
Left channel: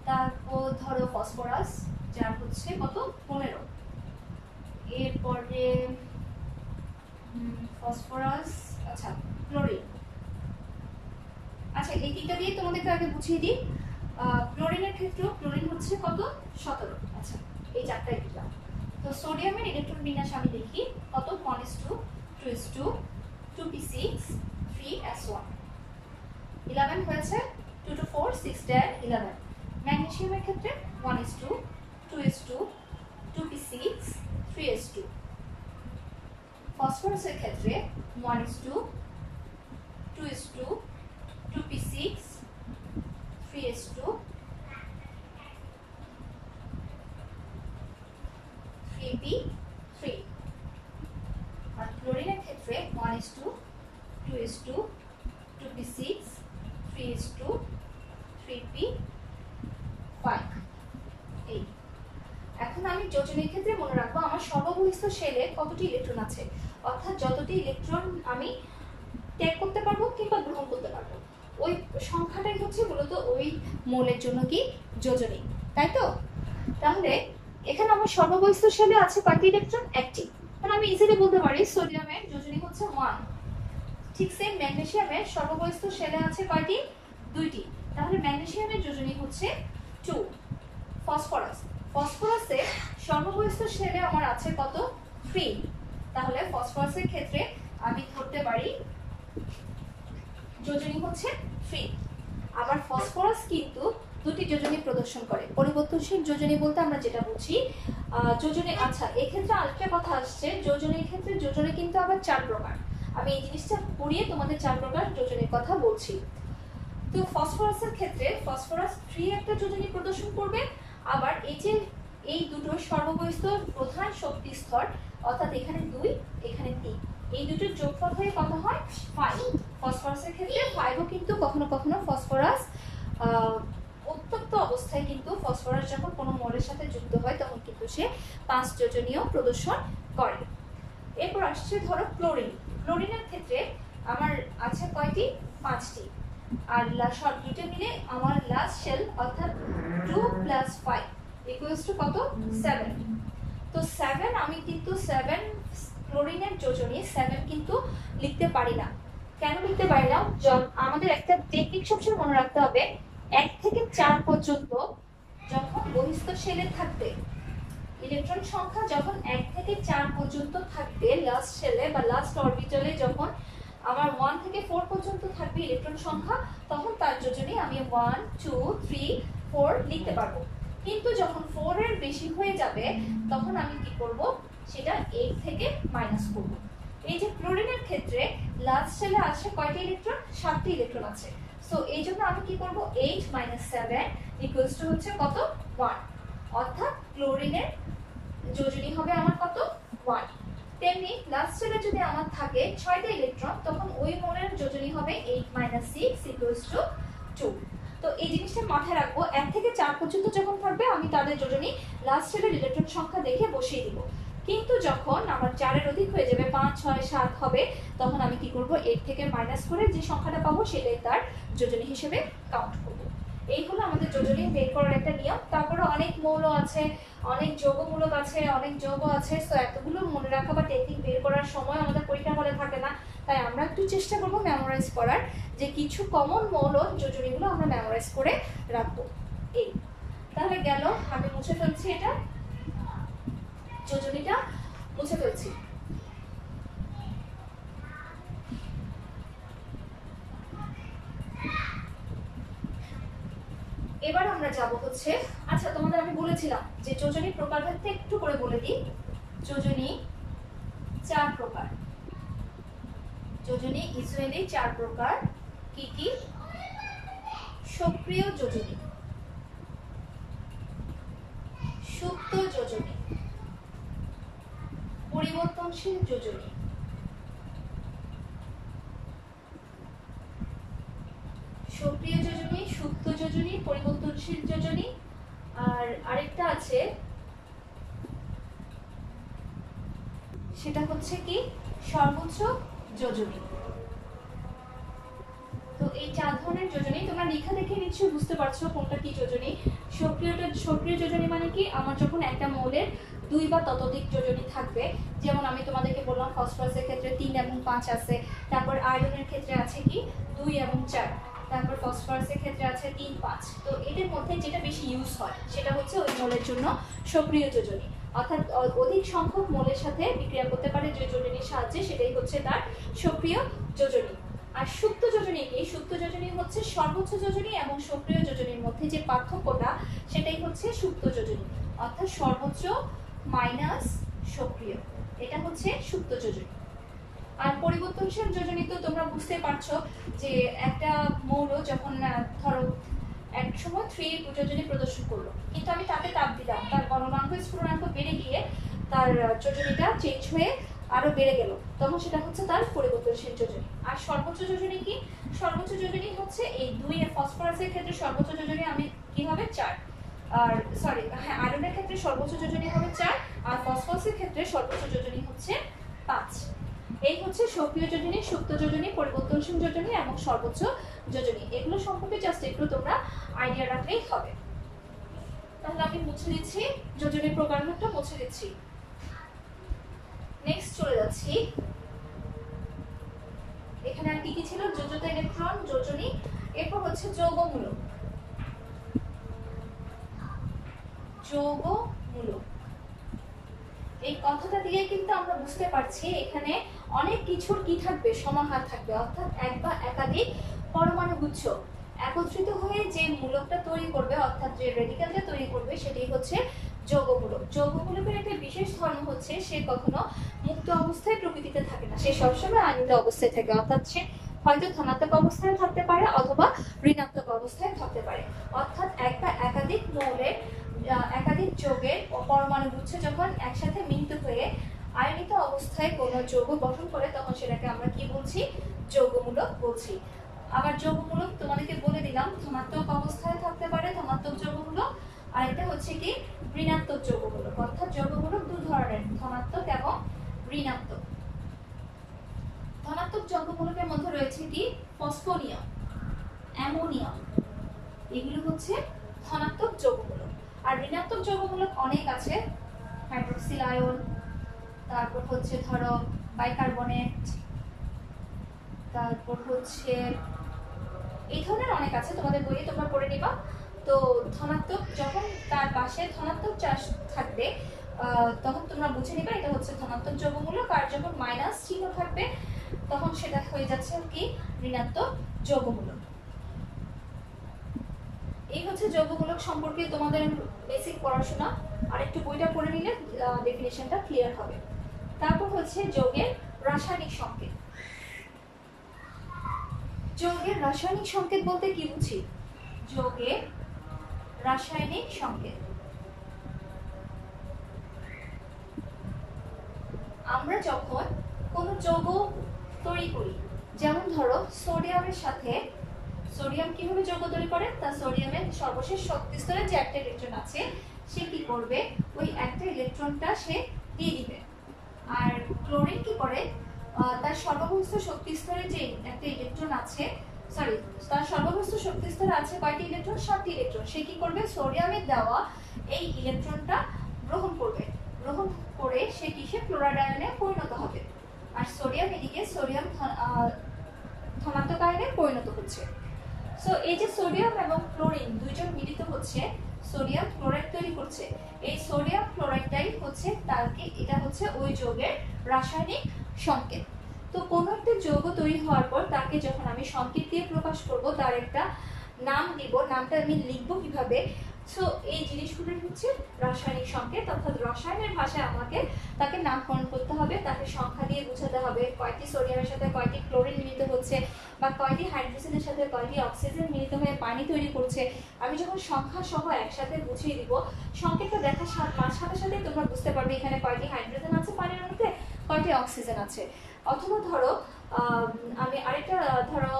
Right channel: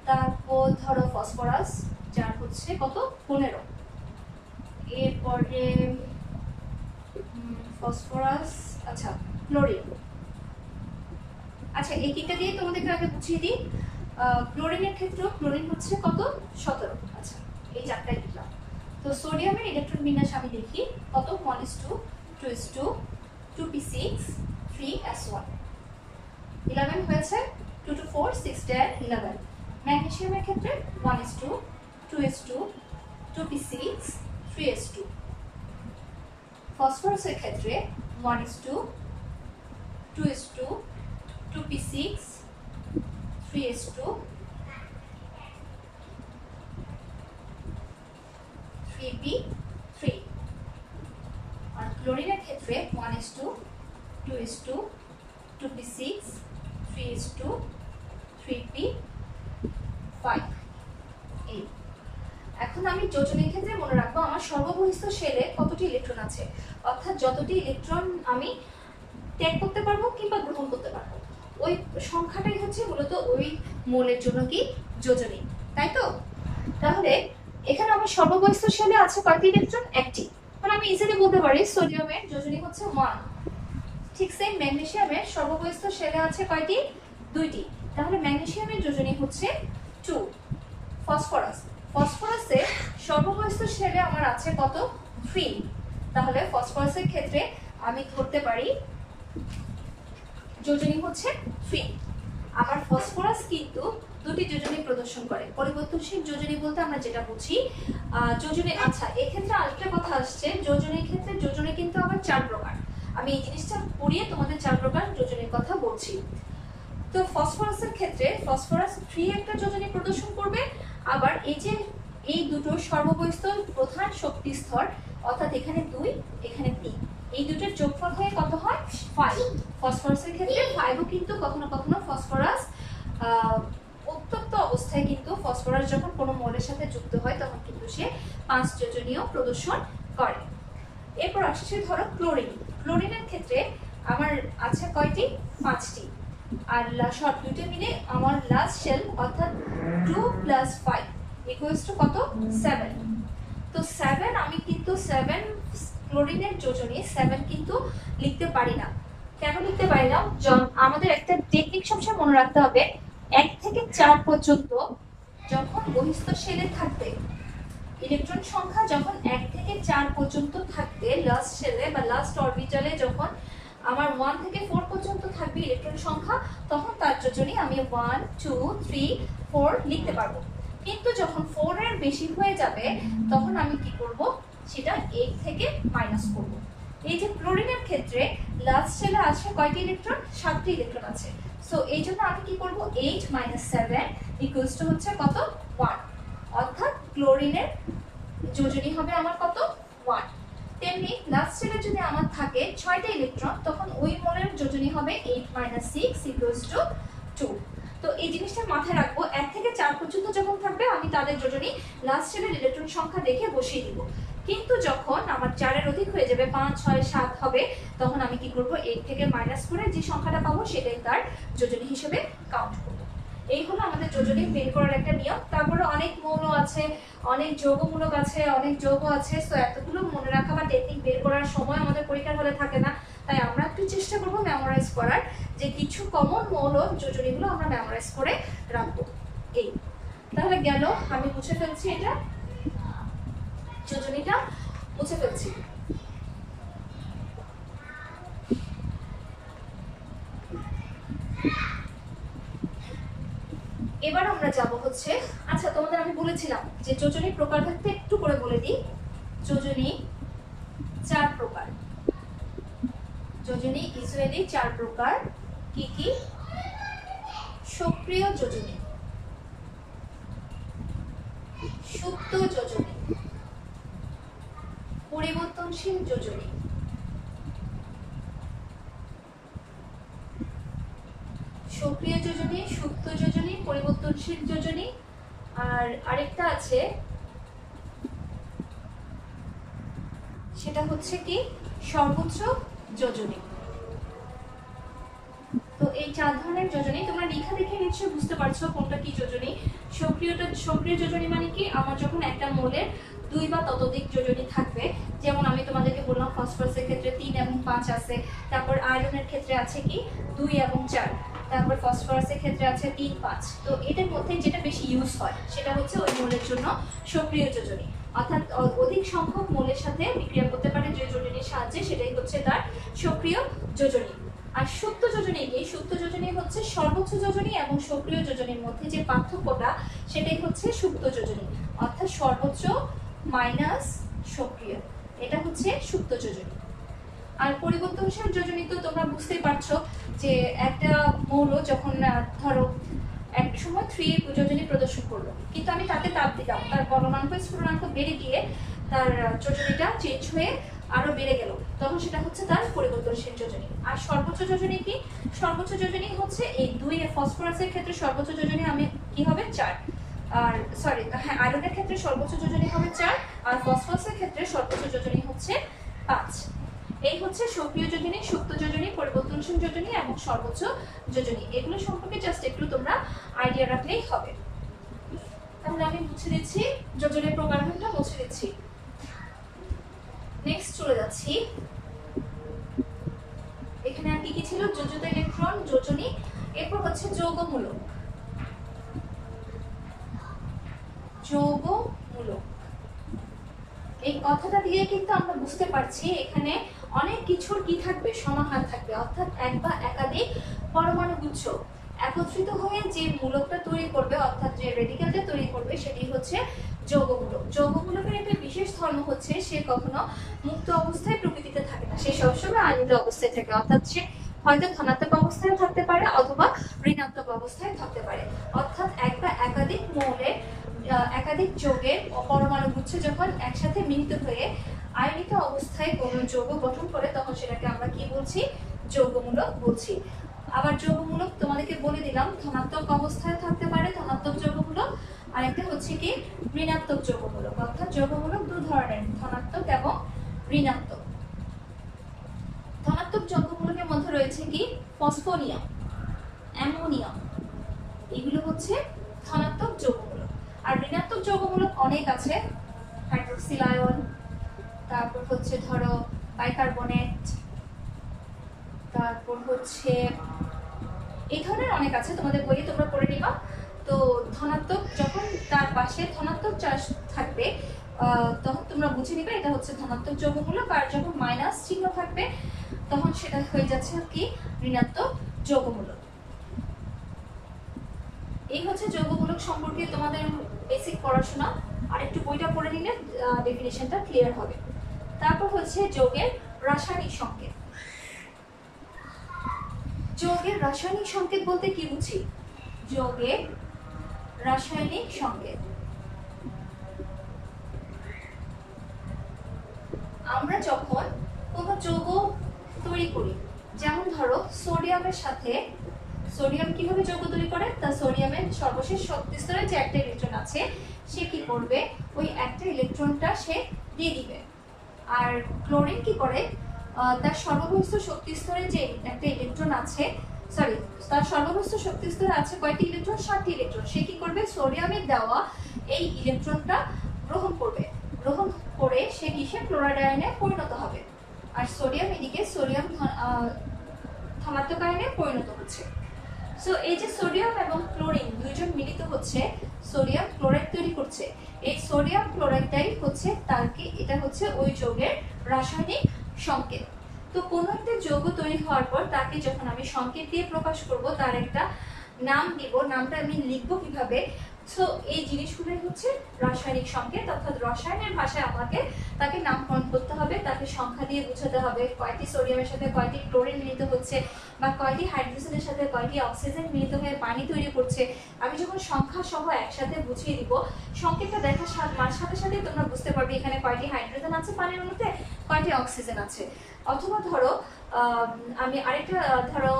তারপর ধরো ফসফরাস, যার হচ্ছে কত? 15। এরপরে ফসফরাস, আচ্ছা ক্লোরিন। আচ্ছা এই তিনটা দিয়ে তোমাদেরকে আগে বুঝিয়ে দিই। ক্লোরিনের ক্ষেত্রেও ক্লোরিন হচ্ছে কত? 17। আচ্ছা এই চারটাই দিলাম। তো সোডিয়ামের ইলেকট্রন বিন্যাস আমি দেখি কত? 1:2, 2:2, 2p6, 3s1। 11 হয়েছে, 2 to 4, 6 10, 11। ম্যাগনেসিয়ামের ক্ষেত্রে 1:2, 2:2, 2p6, 3s2। ফসফরাসের ক্ষেত্রে 1:2, 2:2, 2p6, 3s2, 3p3। আর ক্লোরিনের ক্ষেত্রে 1:2, 2:2, 2p6, 3s2, 3p5। এই এখন আমি যোজনীর ক্ষেত্রে মনে রাখবো আমার সর্ববহিষ্ঠ শেলে কতটি ইলেকট্রন আছে, অর্থাৎ যতটি ইলেকট্রন আমি ত্যাগ করতে পারবো কিংবা গ্রহণ করতে পারবো, ওই সংখ্যাটাই হচ্ছে মূলত ওই মৌলের জন্য কি? যোজনী, তাই তো? তাহলে এখানে আমার সর্ববহিষ্ঠ শেলে আছে কয়টি ইলেকট্রন? 1টি। মানে আমি ইজিলি বলতে পারি সোডিয়ামের যোজনী হচ্ছে 1। ঠিক সেম ম্যাগনেসিয়ামের সর্ববহিস্থ শেলে আছে কয়টি? দুইটি। তাহলে ম্যাগনেসিয়ামের যোজনী হচ্ছে 2। ফসফরাস, ফসফরাসের সর্ববহিস্থ শেলে আমার আছে কত? 3। তাহলে ফসফরাসের ক্ষেত্রে আমি ধরতে পারি যোজনী হচ্ছে 3। আবার ফসফরাস কিন্তু দুটি যোজনী প্রদর্শন করে। পরিবর্তনশীল যোজনী বলতে আমরা যেটা বুঝি যোজনী, আচ্ছা এক্ষেত্রে আরেকটা কথা আসছে, যোজনীর ক্ষেত্রে যোজনী কিন্তু আবার 4 প্রকার। আমি এই জিনিসটা পড়িয়ে তোমাদের 4 প্রকার যোজনীর কথা বলছি। তো ফসফরাসের ক্ষেত্রে ফসফরাস 3 একটা যোজনী প্রদর্শন করবে। আবার এই যে এই দুটোর সর্ববহিস্থ প্রধান শক্তি স্তর, অর্থাৎ এখানে 2 এখানে 3, এই দুটোর যোগফল হয়ে কত হয়? 5। ফসফরাসের ক্ষেত্রে 5ও কিন্তু কখনো কখনো ফসফরাস উত্তপ্ত অবস্থায় কিন্তু ফসফরাস যখন কোনো মৌলের সাথে যুক্ত হয় তখন কিন্তু সে 5 যোজনীয় প্রদর্শন করে। এরপর আসছে ধরো ক্লোরিন। ক্লোরিনের ক্ষেত্রে আমার আছে কয়টি? 5টি। আর সব দুটো মিলে আমার লাস্ট শেল অর্থাৎ 2 + 5 = কত? 7। তো 7 আমি কিন্তু 7 ক্লোরিনের যোজনী 7 কিন্তু লিখতে পারি না। কেন লিখতে পারি না? আমাদের একটা টেকনিক সবসময় মনে রাখতে হবে, 1 থেকে 4 পর্যন্ত যখন বহিস্থ শেলে থাকবে, ইলেকট্রন সংখ্যা যখন 1 থেকে 4 পর্যন্ত থাকবে লাস্ট শেলে বা লাস্ট অরবিটালে, যখন আমার 1 থেকে 4 পর্যন্ত থাকবে ইলেকট্রন সংখ্যা, তখন তার যোজনী আমি 1 2 3 4 লিখতে পারবো। কিন্তু যখন 4 এর বেশি হয়ে যাবে তখন আমি কি করব? সেটা 8 থেকে মাইনাস করব। এই যে ক্লোরিনের ক্ষেত্রে লাস্ট শেলে আছে কয়টি ইলেকট্রন? 7টি ইলেকট্রন আছে। সো এই জন্য আমি কি করব? 8 - 7 = হচ্ছে কত? 1। অর্থাৎ ক্লোরিনের যোজনী হবে আমার কত? 1। তেমনি লাস্ট শেলে যদি আমার থাকে 6টা ইলেকট্রন, তখন ওই মৌলের যোজনী হবে 8 - 6 = 2। তো এই জিনিসটা মাথায় রাখবো, 1 থেকে 4 পর্যন্ত যখন থাকবে আমি তাদের যোজনী লাস্ট শেলের ইলেকট্রন সংখ্যা দেখে বসিয়ে দিব। কিন্তু যখন আমার 4 এর অধিক হয়ে যাবে, 5 6 7 হবে, তখন আমি কি করব? 8 থেকে মাইনাস করে যে সংখ্যাটা পাবো সেটাই তার যোজনী হিসেবে কাউন্ট করব। এই হলো আমাদের যোজনী বের করার একটা নিয়ম। তারপরে অনেক মৌল আছে, অনেক যৌগমূলক আছে, অনেক যৌগ আছে। সো এতগুলো মনে রাখা বা টেকনিক বের করার সময় আমাদের পরীক্ষার হলে থাকে না। তাই আমরা একটু চেষ্টা করব মেমোরাইজ করার, যে কিছু কমন মৌল যোজনীগুলো আমরা মেমোরাইজ করে রাখবো। এই তাহলে গেল, আমি মুছে ফেলছি, এটা যোজনীটা মুছে ফেলছি। এবার আমরা যাব হচ্ছে, আচ্ছা তোমাদের আমি বলেছিলাম যে যোজনী প্রকারভেদটা একটু করে বলে দিই। যোজনী 4 প্রকার। যোজনী ইউজুয়ালি 4 প্রকার। কি কি? সক্রিয় যোজনী, সুপ্ত যোজনী, পরিবর্তনশীল যোজনী। সক্রিয় যোজনী, সুপ্ত যোজনী, পরিবর্তনশীল যোজনী, আর আরেকটা আছে সেটা হচ্ছে কি? সর্বোচ্চ যোজনী। তো এই 4 ধরনের যোজনী তোমরা লেখা দেখে নিশ্চয়ই বুঝতে পারছো কোনটা কি যোজনী। সক্রিয় যোজনী মানে কি? আমার যখন একটা মৌলের 2 বা ততোধিক যোজনী থাকবে, যেমন আমি তোমাদেরকে বললাম ফসফরাসের ক্ষেত্রে 3 এবং 5 আছে, তারপর আয়রনের ক্ষেত্রে আছে কি 2 এবং 4, তারপর ফসফরাসের ক্ষেত্রে আছে 3 5। তো এটার মধ্যে যেটা বেশি ইউজ হয় সেটা হচ্ছে ওই মৌলের জন্য সক্রিয় যোজনী, অর্থাৎ অধিক সংখ্যক মৌলের সাথে বিক্রিয়া করতে পারে যে যোজনীর সাহায্যে, সেটাই হচ্ছে তার সক্রিয় যোজনী। আর সুপ্ত যোজনী কি? সুপ্ত যোজনী হচ্ছে সর্বোচ্চ যোজনী এবং সক্রিয় যোজনীর মধ্যে যে পার্থক্যটা, সেটাই হচ্ছে সুপ্ত যোজনী, অর্থাৎ সর্বোচ্চ মাইনাস সক্রিয়, এটা হচ্ছে সুপ্ত যোজনী। আর পরিবর্তনশীল যোজনী তো তোমরা বুঝতেই পারছো যে একটা মৌল যখন ধরো এক সময় 3 যোজনী প্রদর্শন করলো, কিন্তু আমি তাকে তাপ দিলাম, তার গলনাঙ্ক স্ফুটনাঙ্ক বেড়ে গিয়ে তার যোজনীটা চেঞ্জ হয়ে আরো বেড়ে গেল, তখন সেটা হচ্ছে তার পরিবর্তনশীল যোজনী। আর সর্বোচ্চ যোজনী কি? সর্বোচ্চ যোজনী হচ্ছে এই 2 ফসফরাসের ক্ষেত্রে সর্বোচ্চ যোজনী আমি কি হবে 4, আর সরি হ্যাঁ আয়রনের ক্ষেত্রে সর্বোচ্চ যোজনী হবে 4, আর ফসফরাসের ক্ষেত্রে সর্বোচ্চ যোজনী হচ্ছে 5। এই হচ্ছে সক্রিয় যোজনী, সুপ্ত যোজনী, পরিবর্তনশীল যোজনী এবং সর্বোচ্চ যোজনী। এগুলো সম্পর্কে জাস্ট একটু তোমরা আইডিয়া রাখলেই হবে। তাহলে আমি মুছে দিচ্ছি যোজনীর প্রকারভেদটা, মুছে দিচ্ছি। নেক্সট চলে যাচ্ছি এখানে আর কি কি ছিল, যোজিত ইলেকট্রন, যোজনী, এরপর হচ্ছে যৌগমূলক। যৌগমূলক এই কথাটা দিয়ে কিন্তু আমরা বুঝতে পারছি এখানে অনেক কিছুর কি থাকবে, সমাহার থাকবে, অর্থাৎ এক বা একাধিক পরমাণু গুচ্ছ একত্রিত হয়ে যে মূলকটা তৈরি করবে, অর্থাৎ যে রেডিক্যালটা তৈরি করবে সেটি হচ্ছে যৌগমূলক। যৌগমূলকের একটা বিশেষ ধর্ম হচ্ছে সে কখনো মুক্ত অবস্থায় প্রকৃতিতে থাকে না, সে সবসময় আয়নিত অবস্থায় থাকে, অর্থাৎ সে হয়তো ধনাত্মক অবস্থায় থাকতে পারে অথবা ঋণাত্মক অবস্থায় থাকতে পারে। অর্থাৎ এক বা একাধিক মৌলের একাধিক যৌগের পরমাণু গুচ্ছ যখন একসাথে মিলিত হয়ে আয়নিত অবস্থায় কোনো যৌগ গঠন করে তখন সেটাকে আমরা কি বলছি, যৌগমূলক বলছি। আবার যৌগমূলক তোমাদেরকে বলে দিলাম ধনাত্মক অবস্থায় থাকতে পারে ধনাত্মক যৌগমূলক, আর একটা হচ্ছে কি ঋণাত্মক যৌগমূলক। অর্থাৎ যৌগমূলক দুই ধরনের, ধনাত্মক এবং ঋণাত্মক। ধনাত্মক যৌগমূলকের মধ্যে রয়েছে কি ফসফোনিয়াম, অ্যামোনিয়াম, এগুলো হচ্ছে ধনাত্মক যৌগমূলক। আর ঋণাত্মক যৌগমূলক অনেক আছে, হাইড্রক্সিল আয়ন, তারপর হচ্ছে ধরো বাইকার্বনেট, তারপর হচ্ছে এই ধরনের অনেক আছে, তোমাদের বইয়ে তোমরা পড়ে নিবা। তো ধনাত্মক যখন তার পাশে ধনাত্মক চার্জ থাকবে তখন তোমরা বুঝে নিবে এটা হচ্ছে ধনাত্মক যৌগমূলক, আর যখন মাইনাস চিহ্ন থাকবে তখন সেটা হয়ে যাচ্ছে কি ঋণাত্মক যৌগমূলক। এই হচ্ছে যৌগমূলক সম্পর্কে তোমাদের বেসিক পড়াশোনা, আর একটু বইটা পড়ে নিলে ডেফিনিশনটা ক্লিয়ার হবে। তারপর হচ্ছে যৌগের রাসায়নিক সংকেত। যৌগের রাসায়নিক সংকেত বলতে কি বুঝি, যৌগের রাসায়নিক সংকেত আমরা যখন কোনো যৌগ তৈরি করি, যেমন ধরো সোডিয়ামের সাথে, সোডিয়াম কিভাবে যৌগ তৈরি করে, তা সোডিয়ামের সর্বশেষ শক্তি স্তরে যে একটা ইলেকট্রন আছে সে কি করবে, ওই একটা ইলেকট্রনটা সে দিয়ে দিবে। আর ক্লোরিন কি করে, তার সর্ববস্থ শক্তি স্তরে যে একটা ইলেকট্রন আছে, সরি তার সর্ববস্থ শক্তি স্তরে আছে কয়টি ইলেকট্রন, 7টি ইলেকট্রন, সে কি করবে সোডিয়ামের দেওয়া এই ইলেকট্রনটা গ্রহণ করবে, গ্রহণ করে সে কিসে ক্লোরাইড আয়নে পরিণত হবে। আর সোডিয়াম এদিকে সোডিয়াম ধনাত্মক আয়নে পরিণত হচ্ছে। সো এই যে সোডিয়াম এবং ক্লোরিন দুইজন মিলিত হচ্ছে সোডিয়াম ক্লোরাইড তৈরি করছে, এই সোডিয়াম ক্লোরাইডটাই হচ্ছে তারকে, এটা হচ্ছে ওই যৌগের রাসায়নিক সংকেত। তো কোনো একটা যৌগ তৈরি হওয়ার পর তাকে যখন আমি সংকেত দিয়ে প্রকাশ করব, তার একটা নাম দিব, নামটা আমি লিখবো কিভাবে, সো এই জিনিসগুলোই হচ্ছে রাসায়নিক সংকেত। অর্থাৎ রসায়নের ভাষায় আমাকে তাকে নামকরণ করতে হবে, তাকে সংখ্যা দিয়ে বোঝাতে হবে কয়টি সোডিয়ামের সাথে কয়টি ক্লোরিন মিলিত হচ্ছে, বা কয়টি হাইড্রোজেনের সাথে কয়টি অক্সিজেন মিলিত হয়ে পানি তৈরি করছে। আমি যখন সংখ্যা সহ একসাথে বুঝিয়ে দিব, সংকেতটা দেখার সাথে সাথে তোমরা বুঝতে পারবে এখানে কয়টি হাইড্রোজেন আছে পানির মধ্যে, কয়টি অক্সিজেন আছে। অথবা ধরো আমি আরেকটা ধরো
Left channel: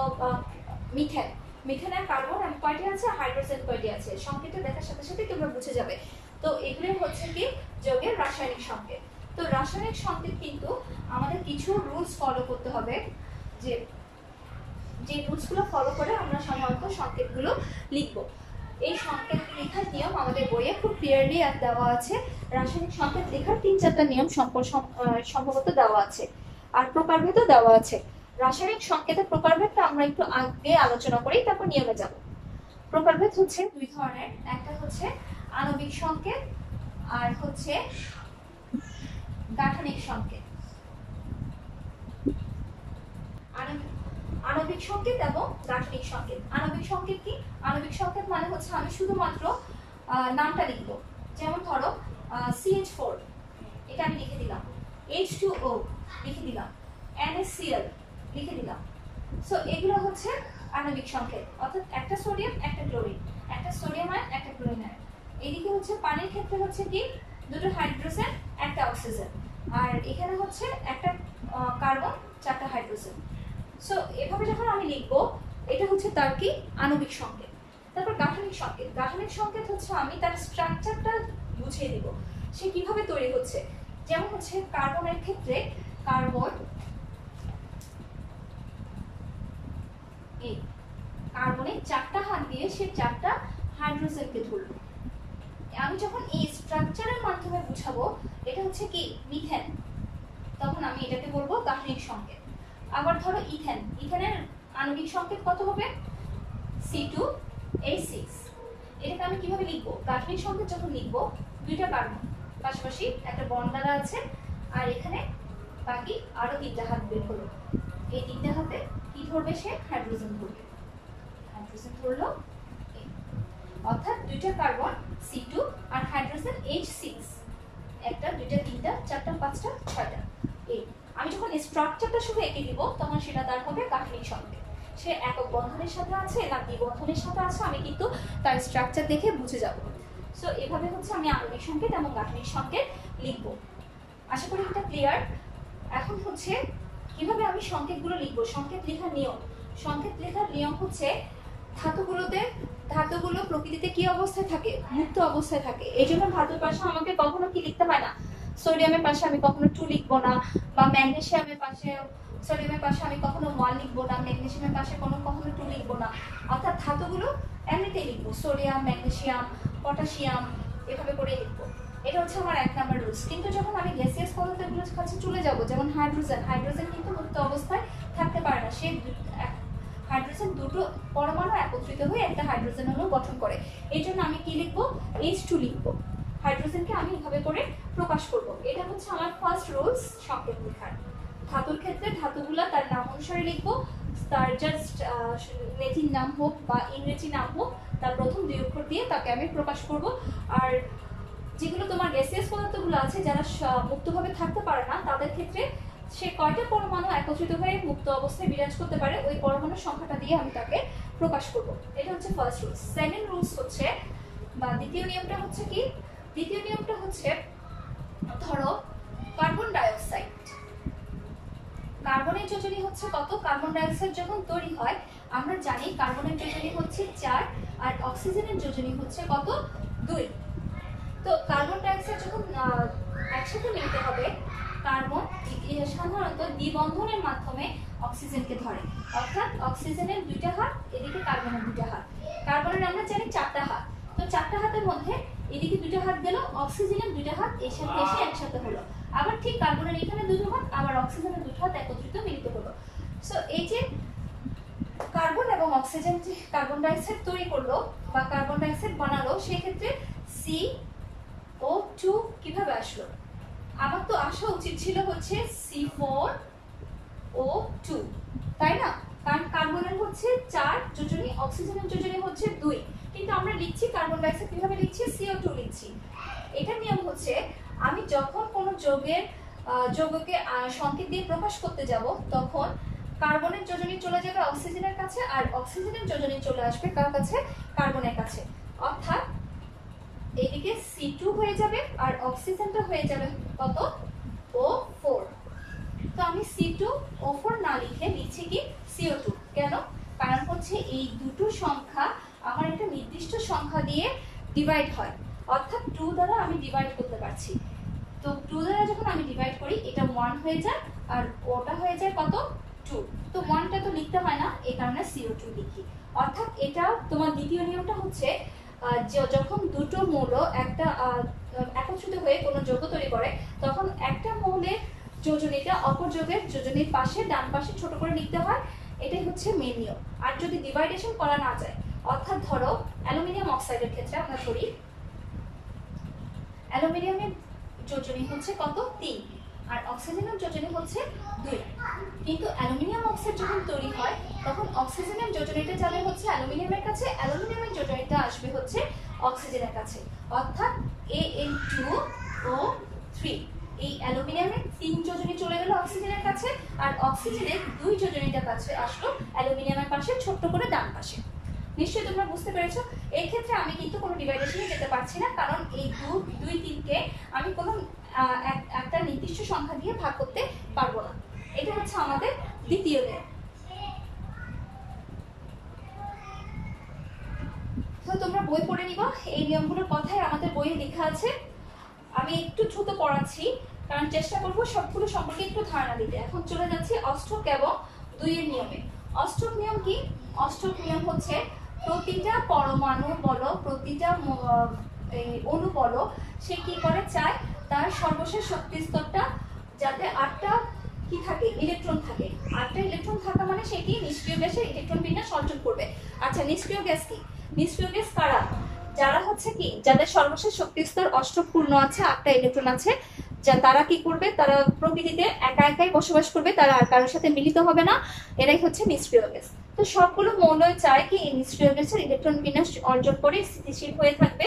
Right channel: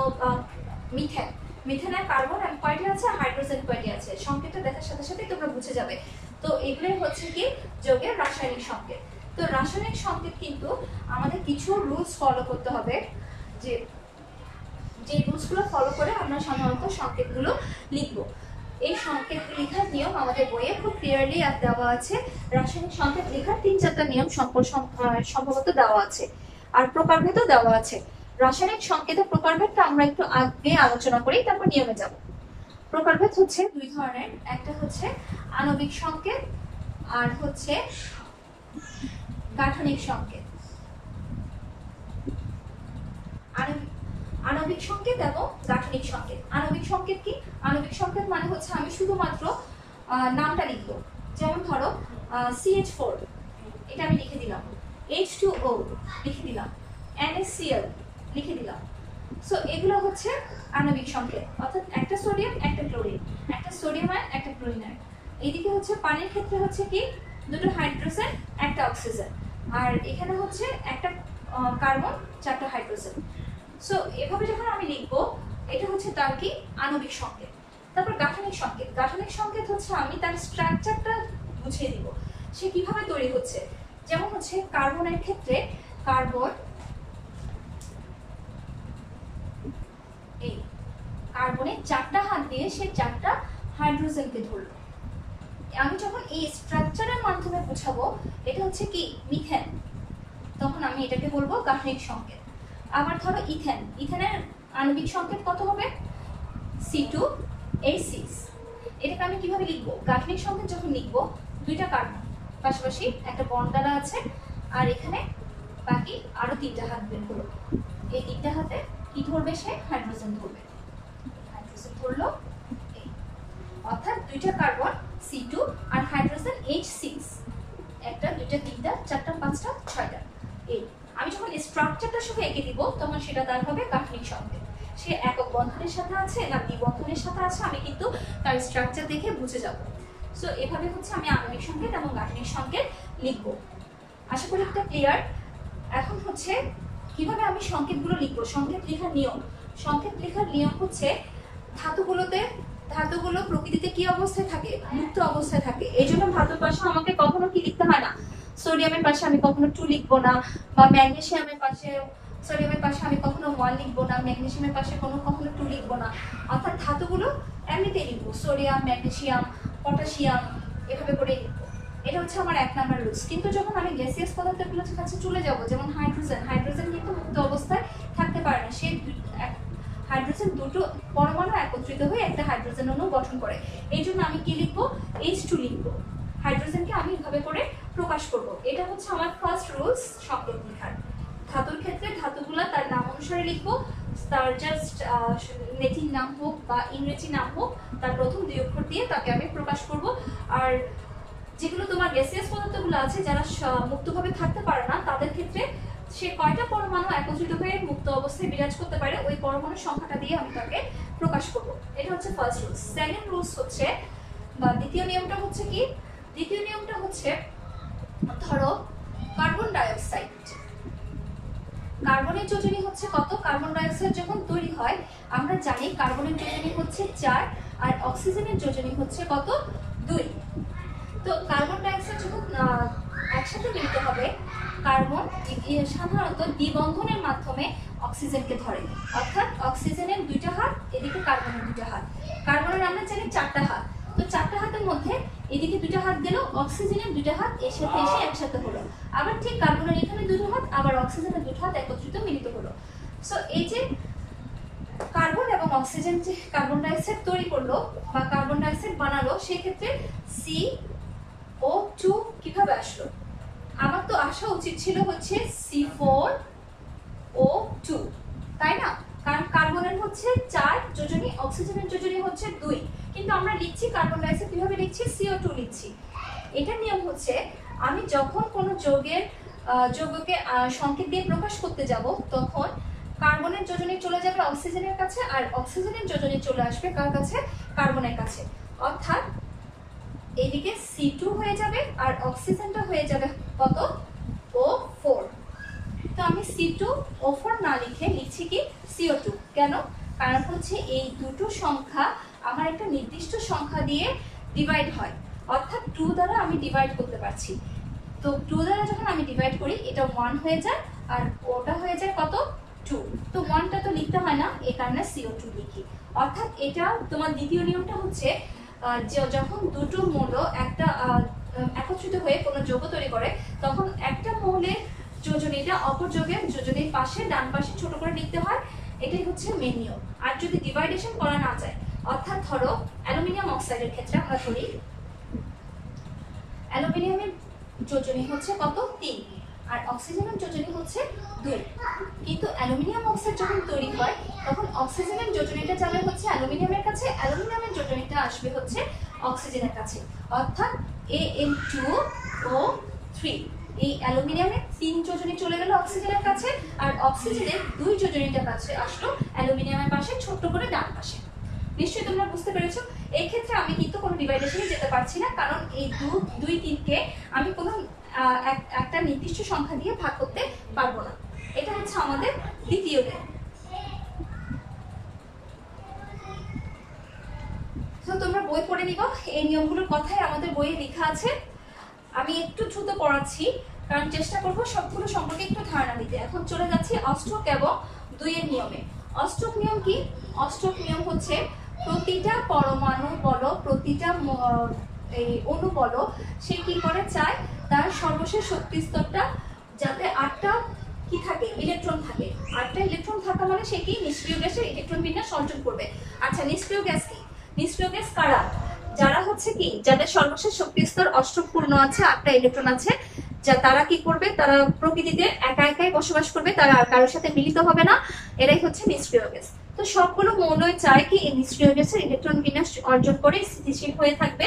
মিথেন, মিথেনের কার্বন কয়টি আছে, হাইড্রোজেন কয়টি আছে, সংকেতটা দেখার সাথে সাথেই তোমরা বুঝে যাবে। তো এগুলোই হচ্ছে কি যৌগের রাসায়নিক সংকেত। তো রাসায়নিক সংকেত কিন্তু আমাদের কিছু রুলস ফলো করতে হবে, যে রুলসগুলো ফলো করে আমরা সাধারণত সংকেতগুলো লিখব। এই সংকেত লেখার নিয়ম আমাদের বইয়ে খুব ক্লিয়ারলি দেওয়া আছে, রাসায়নিক সংকেত লেখার 3-4টা নিয়ম সম্ভবত দেওয়া আছে, আর প্রকারভেদও দেওয়া আছে। রাসায়নিক সংকেতের প্রকারভেদটা আমরা একটু আগে আলোচনা করি, তারপর নিয়মে যাব। প্রকারভেদ হচ্ছে দুই ধরনের, একটা হচ্ছে আণবিক সংকেত আর হচ্ছে গাঠনিক সংকেত। আণবিক সংকেত এবং গাঠনিক সংকেত। আণবিক সংকেত কি, আণবিক সংকেত মানে হচ্ছে আমি শুধুমাত্র নামটা লিখব, যেমন ধরো CH4 এটা আমি লিখে দিলাম, H2O লিখে দিলাম, NaCl লিখে দিলাম। সো এগুলো হচ্ছে আণবিক সংকেত, অর্থাৎ একটা সোডিয়াম একটা ক্লোরিন, একটা সোডিয়াম আয়ন একটা ক্লোরিন আয়ন। এইদিকে হচ্ছে পানির ক্ষেত্রে হচ্ছে কি দুটো হাইড্রোজেন একটা অক্সিজেন, আর এখানে হচ্ছে একটা কার্বন 4টা হাইড্রোজেন। সো এভাবে যখন আমি লিখবো এটা হচ্ছে তার কি আণবিক সংকেত। তারপর গাঠনিক সংকেত। গাঠনিক সংকেত হচ্ছে আমি তার স্ট্রাকচারটা বুঝিয়ে দিব, সে কিভাবে তৈরি হচ্ছে। যেমন হচ্ছে কার্বনের ক্ষেত্রে কার্বন, এই কার্বনের 4টা হাত দিয়ে সে 4টা হাইড্রোজেনকে ধরলো। আমি যখন এই স্ট্রাকচারের মাধ্যমে বুঝাবো এটা হচ্ছে কি মিথেন, তখন আমি এটাকে বলবো গাঠনিক সংকেত। আবার ধরো ইথেন, ইথেনের আণবিক সংকেত কত হবে? C2H6। এটাকে আমি কিভাবে লিখবো? গাঠনিক সংকেত যখন লিখবো, দুইটা কার্বন পাশাপাশি একটা বন্ড দ্বারা আছে, আর এখানে বাকি আরো 3টা হাত বের হলো। এই 3টা হাতে কি ধরবে? সে হাইড্রোজেন ধরবে। হাইড্রোজেন ধরলো, অর্থাৎ দুইটা কার্বন C2 আর হাইড্রোজেন H6, একটা, দুইটা, তিনটা, চারটা, পাঁচটা, ছয়টা। এই আমি যখন স্ট্রাকচারটা শুধু এঁকে দিব তখন সেটা তার হবে গাঠনিক সংকেত। সে একক বন্ধনের সাথে আছে না দ্বিবন্ধনের সাথে আছে আমি কিন্তু তার স্ট্রাকচার দেখে বুঝে যাব। সো এভাবে হচ্ছে আমি আণবিক সংকেত এবং গাঠনিক সংকেত লিখবো। আশা করি এটা ক্লিয়ার। এখন হচ্ছে কিভাবে আমি সংকেতগুলো লিখবো, সংকেত লেখার নিয়ম। সংকেত লেখার নিয়ম হচ্ছে ধাতুগুলো প্রকৃতিতে কি অবস্থায় থাকে? মুক্ত অবস্থায় থাকে। এই জন্য ধাতুর পাশে আমাকে কখনো কি লিখতে হয় না, সোডিয়ামের পাশে আমি কখনো 2 লিখবো না, বা ম্যাগনেসিয়ামের পাশে, সোডিয়ামের পাশে আমি কখনো 1 লিখবো না, ম্যাগনেসিয়ামের পাশে কখনো 2 লিখবো না। অর্থাৎ ধাতুগুলো এমনিতেই লিখবো, সোডিয়াম, ম্যাগনেসিয়াম, পটাশিয়াম, এভাবে করে লিখবো। এটা হচ্ছে আমার 1 নাম্বার রুলস। কিন্তু যখন আমি গ্যাসিয়াস পদার্থগুলোর কাছে চলে যাব, যেমন হাইড্রোজেন কিন্তু মুক্ত অবস্থায় থাকতে পারে না। সে হাইড্রোজেন দুটো পরমাণু একত্রিত হয়ে একটা হাইড্রোজেন অণু গঠন করে। এই জন্য আমি কি লিখবো? H2 লিখবো। হাইড্রোজেনকে আমি এভাবে করে প্রকাশ করব। এটা হচ্ছে আমার ফার্স্ট রুলস সংকেত লেখার। ধাতুর ক্ষেত্রে ধাতুগুলা তার নাম অনুসারে লিখবো, তার জাস্ট ল্যাটিন নাম হোক বা ইংরেজি নাম হোক, তার প্রথম 2 অক্ষর দিয়ে তাকে আমি প্রকাশ করব। আর যেগুলো তোমার গ্যাসিয়াস পদার্থগুলো আছে যারা মুক্তভাবে থাকতে পারে না, তাদের ক্ষেত্রে সে কয়টা পরমাণু একত্রিত হয়ে মুক্ত অবস্থায় বিরাজ করতে পারে ওই পরমাণুর সংখ্যাটা দিয়ে আমি তাকে প্রকাশ করব। এটা হচ্ছে ফার্স্ট রুলস। সেকেন্ড রুলস হচ্ছে বা দ্বিতীয় নিয়মটা হচ্ছে কি? দ্বিতীয় নিয়মটা হচ্ছে, ধরো কার্বন ডাইঅক্সাইড, কার্বনের যোজনী হচ্ছে কত? কার্বন ডাইঅক্সাইড যখন তৈরি হয় আমরা জানি কার্বনের যোজনী হচ্ছে 4 আর অক্সিজেনের যোজনী হচ্ছে কত? 2। তো কার্বন ডাইঅক্সাইড যখন একসাথে মিলিত হবে, কার্বন সাধারণত দ্বিবন্ধনের মাধ্যমে অক্সিজেনকে ধরে। অর্থাৎ অক্সিজেনের 2টা হাত, এদিকে কার্বনের 2টা হাত। কার্বনের আমরা জানি 4টা হাত। তো 4টা হাতের মধ্যে এদিকে 2টা হাত গেল, অক্সিজেনের 2টা হাত এর সাথে এসে একসাথে হলো। আবার ঠিক কার্বনের এখানে 2টো হাত, আবার অক্সিজেনের 2টো হাত একত্রিত মিলিত হলো। সো এই যে কার্বন এবং অক্সিজেন যে কার্বন ডাইঅক্সাইড তৈরি করলো বা কার্বন ডাইঅক্সাইড বানালো, সেক্ষেত্রে CO2 কিভাবে আসলো? আমার তো আসা উচিত ছিল হচ্ছে C4O2, তাই না? কারণ কার্বনের হচ্ছে 4 যোজনী, অক্সিজেনের যোজনী হচ্ছে 2, কিন্তু আমরা লিখছি কার্বন ডাইঅক্সাইড কিভাবে লিখছি? CO2 লিখছি। এটার নিয়ম হচ্ছে আমি যখন কোনো যৌগকে সংকেত দিয়ে প্রকাশ করতে যাব, তখন কার্বনের যোজনী চলে যাবে অক্সিজেনের কাছে আর অক্সিজেনের যোজনী চলে আসবে কার কাছে? কার্বনের কাছে। অর্থাৎ এদিকে C2 হয়ে যাবে আর অক্সিজেনটা হয়ে যাবে কত? O4। তো আমি C2O4 না লিখে লিখছি কি? CO2। কেন? কারণ হচ্ছে এই দুটো সংখ্যা আমার একটা নির্দিষ্ট সংখ্যা দিয়ে ডিভাইড হয়, অর্থাৎ 2 দ্বারা আমি ডিভাইড করতে পারছি। তো 2 দ্বারা যখন আমি ডিভাইড করি এটা 1 হয়ে যায় আর ওটা হয়ে যায় কত? 2। তো 1টা তো লিখতে হয় না, এই কারণে CO2 লিখি। অর্থাৎ এটা তোমার দ্বিতীয় নিয়মটা হচ্ছে যখন দুটো মৌল একটা একত্রিত হয়ে কোনো যৌগ তৈরি করে, তখন একটা মৌলের যোজনীটা অপর যৌগের যোজনীর পাশে ডান পাশে ছোট করে লিখতে হয়। এটাই হচ্ছে মেন নিয়ম। আর যদি ডিভাইডেশন করা না যায়, অর্থাৎ ধরো অ্যালুমিনিয়াম অক্সাইডের ক্ষেত্রে আমরা ধরি অ্যালুমিনিয়ামের যোজনী হচ্ছে কত? 3 আর অক্সিজেনের যোজনী হচ্ছে 2। কিন্তু অ্যালুমিনিয়াম অক্সাইড যখন তৈরি হয় তখন অক্সিজেনের যোজনীটা যাবে হচ্ছে অ্যালুমিনিয়ামের কাছে, অ্যালুমিনিয়ামের যোজনীটা আসবে হচ্ছে অক্সিজেনের কাছে। অর্থাৎ Al2O3, এই অ্যালুমিনিয়ামের 3 যোজনী চলে গেল অক্সিজেনের কাছে আর অক্সিজেনের 2 যোজনীটা কাছে আসলো অ্যালুমিনিয়ামের পাশে ছোট্ট করে ডান পাশে। নিশ্চয়ই তোমরা বুঝতে পেরেছো। এই ক্ষেত্রে আমি কিন্তু কোনো ডিভাইডেশনে যেতে পারছি না, কারণ এই 2, 3কে আমি কোনো একটা নির্দিষ্ট সংখ্যা দিয়ে ভাগ করতে পারবো না। এটা হচ্ছে আমাদের দ্বিতীয় নিয়ম। তো তোমরা বই পড়ে নিবা, এই নিয়মগুলোর কথাই আমাদের বইয়ে লেখা আছে। আমি একটু দ্রুত পড়াচ্ছি কারণ চেষ্টা করব সবগুলো সম্পর্কে একটু ধারণা দিতে। এখন চলে যাচ্ছি অষ্টক এবং 2 এর নিয়মে। অষ্টক নিয়ম কি? অষ্টক নিয়ম হচ্ছে প্রতিটা পরমাণু বলো, প্রতিটা অণু বলো, সে কি করে চায় তার সর্বশেষ শক্তি স্তরটা যাতে 8টা কি থাকে, ইলেকট্রন থাকে। 8টা ইলেকট্রন থাকা মানে সে কি নিষ্ক্রিয় গ্যাসের ইলেকট্রন বিন্যাস অর্জন করবে। আচ্ছা নিষ্ক্রিয় গ্যাস কি? নিষ্ক্রিয় গ্যাস কারা? যারা হচ্ছে কি যাদের সর্বশেষ শক্তি স্তর অষ্টক পূর্ণ আছে, 8টা ইলেকট্রন আছে, যা তারা কি করবে, তারা প্রকৃতিতে একা একাই বসবাস করবে, তারা আর কারোর সাথে মিলিত হবে না, এরাই হচ্ছে নিষ্ক্রিয় গ্যাস। তো সবগুলো মৌলই চায় কি এই নিষ্ক্রিয় গ্যাসের ইলেকট্রন বিন্যাস অর্জন করে স্থিতিশীল হয়ে থাকবে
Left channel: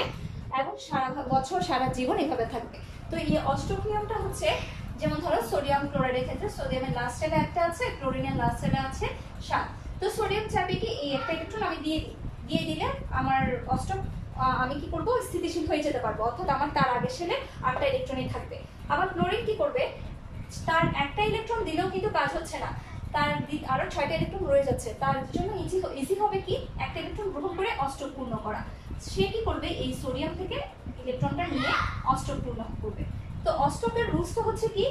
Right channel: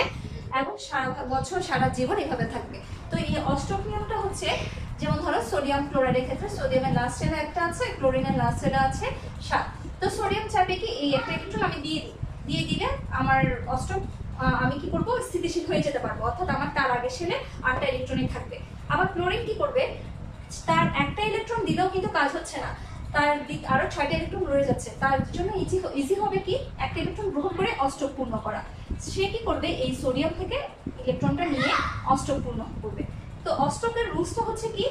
এবং সারা বছর সারা জীবন এইভাবে থাকবে। তো এই অষ্টক নিয়মটা হচ্ছে, যেমন ধরো সোডিয়াম ক্লোরাইডের ক্ষেত্রে সোডিয়ামের লাস্ট শেলে একটা আছে, ক্লোরিনের লাস্ট শেলে আছে 7। তো সোডিয়াম চাইবে কি এই একটা ইলেকট্রন আমি দিয়ে দিলে আমার অষ্টক আমি কি করব, স্থিতিশীল হয়ে যেতে পারবো, অর্থাৎ আমার তার আগের শেলে 8টা ইলেকট্রনই থাকবে। আবার ক্লোরিন কি করবে, তার একটা ইলেকট্রন দিলেও কিন্তু কাজ হচ্ছে না, তার আরো 6টা ইলেকট্রন রয়ে যাচ্ছে, তার জন্য ইজি হবে কি একটা ইলেকট্রন গ্রহণ করে অষ্টক পূর্ণ করা। সে কি করবে, এই সোডিয়াম থেকে ইলেকট্রনটা নিয়ে অষ্টক পূর্ণ করবে। তো অষ্টকের রুলসটা হচ্ছে কি,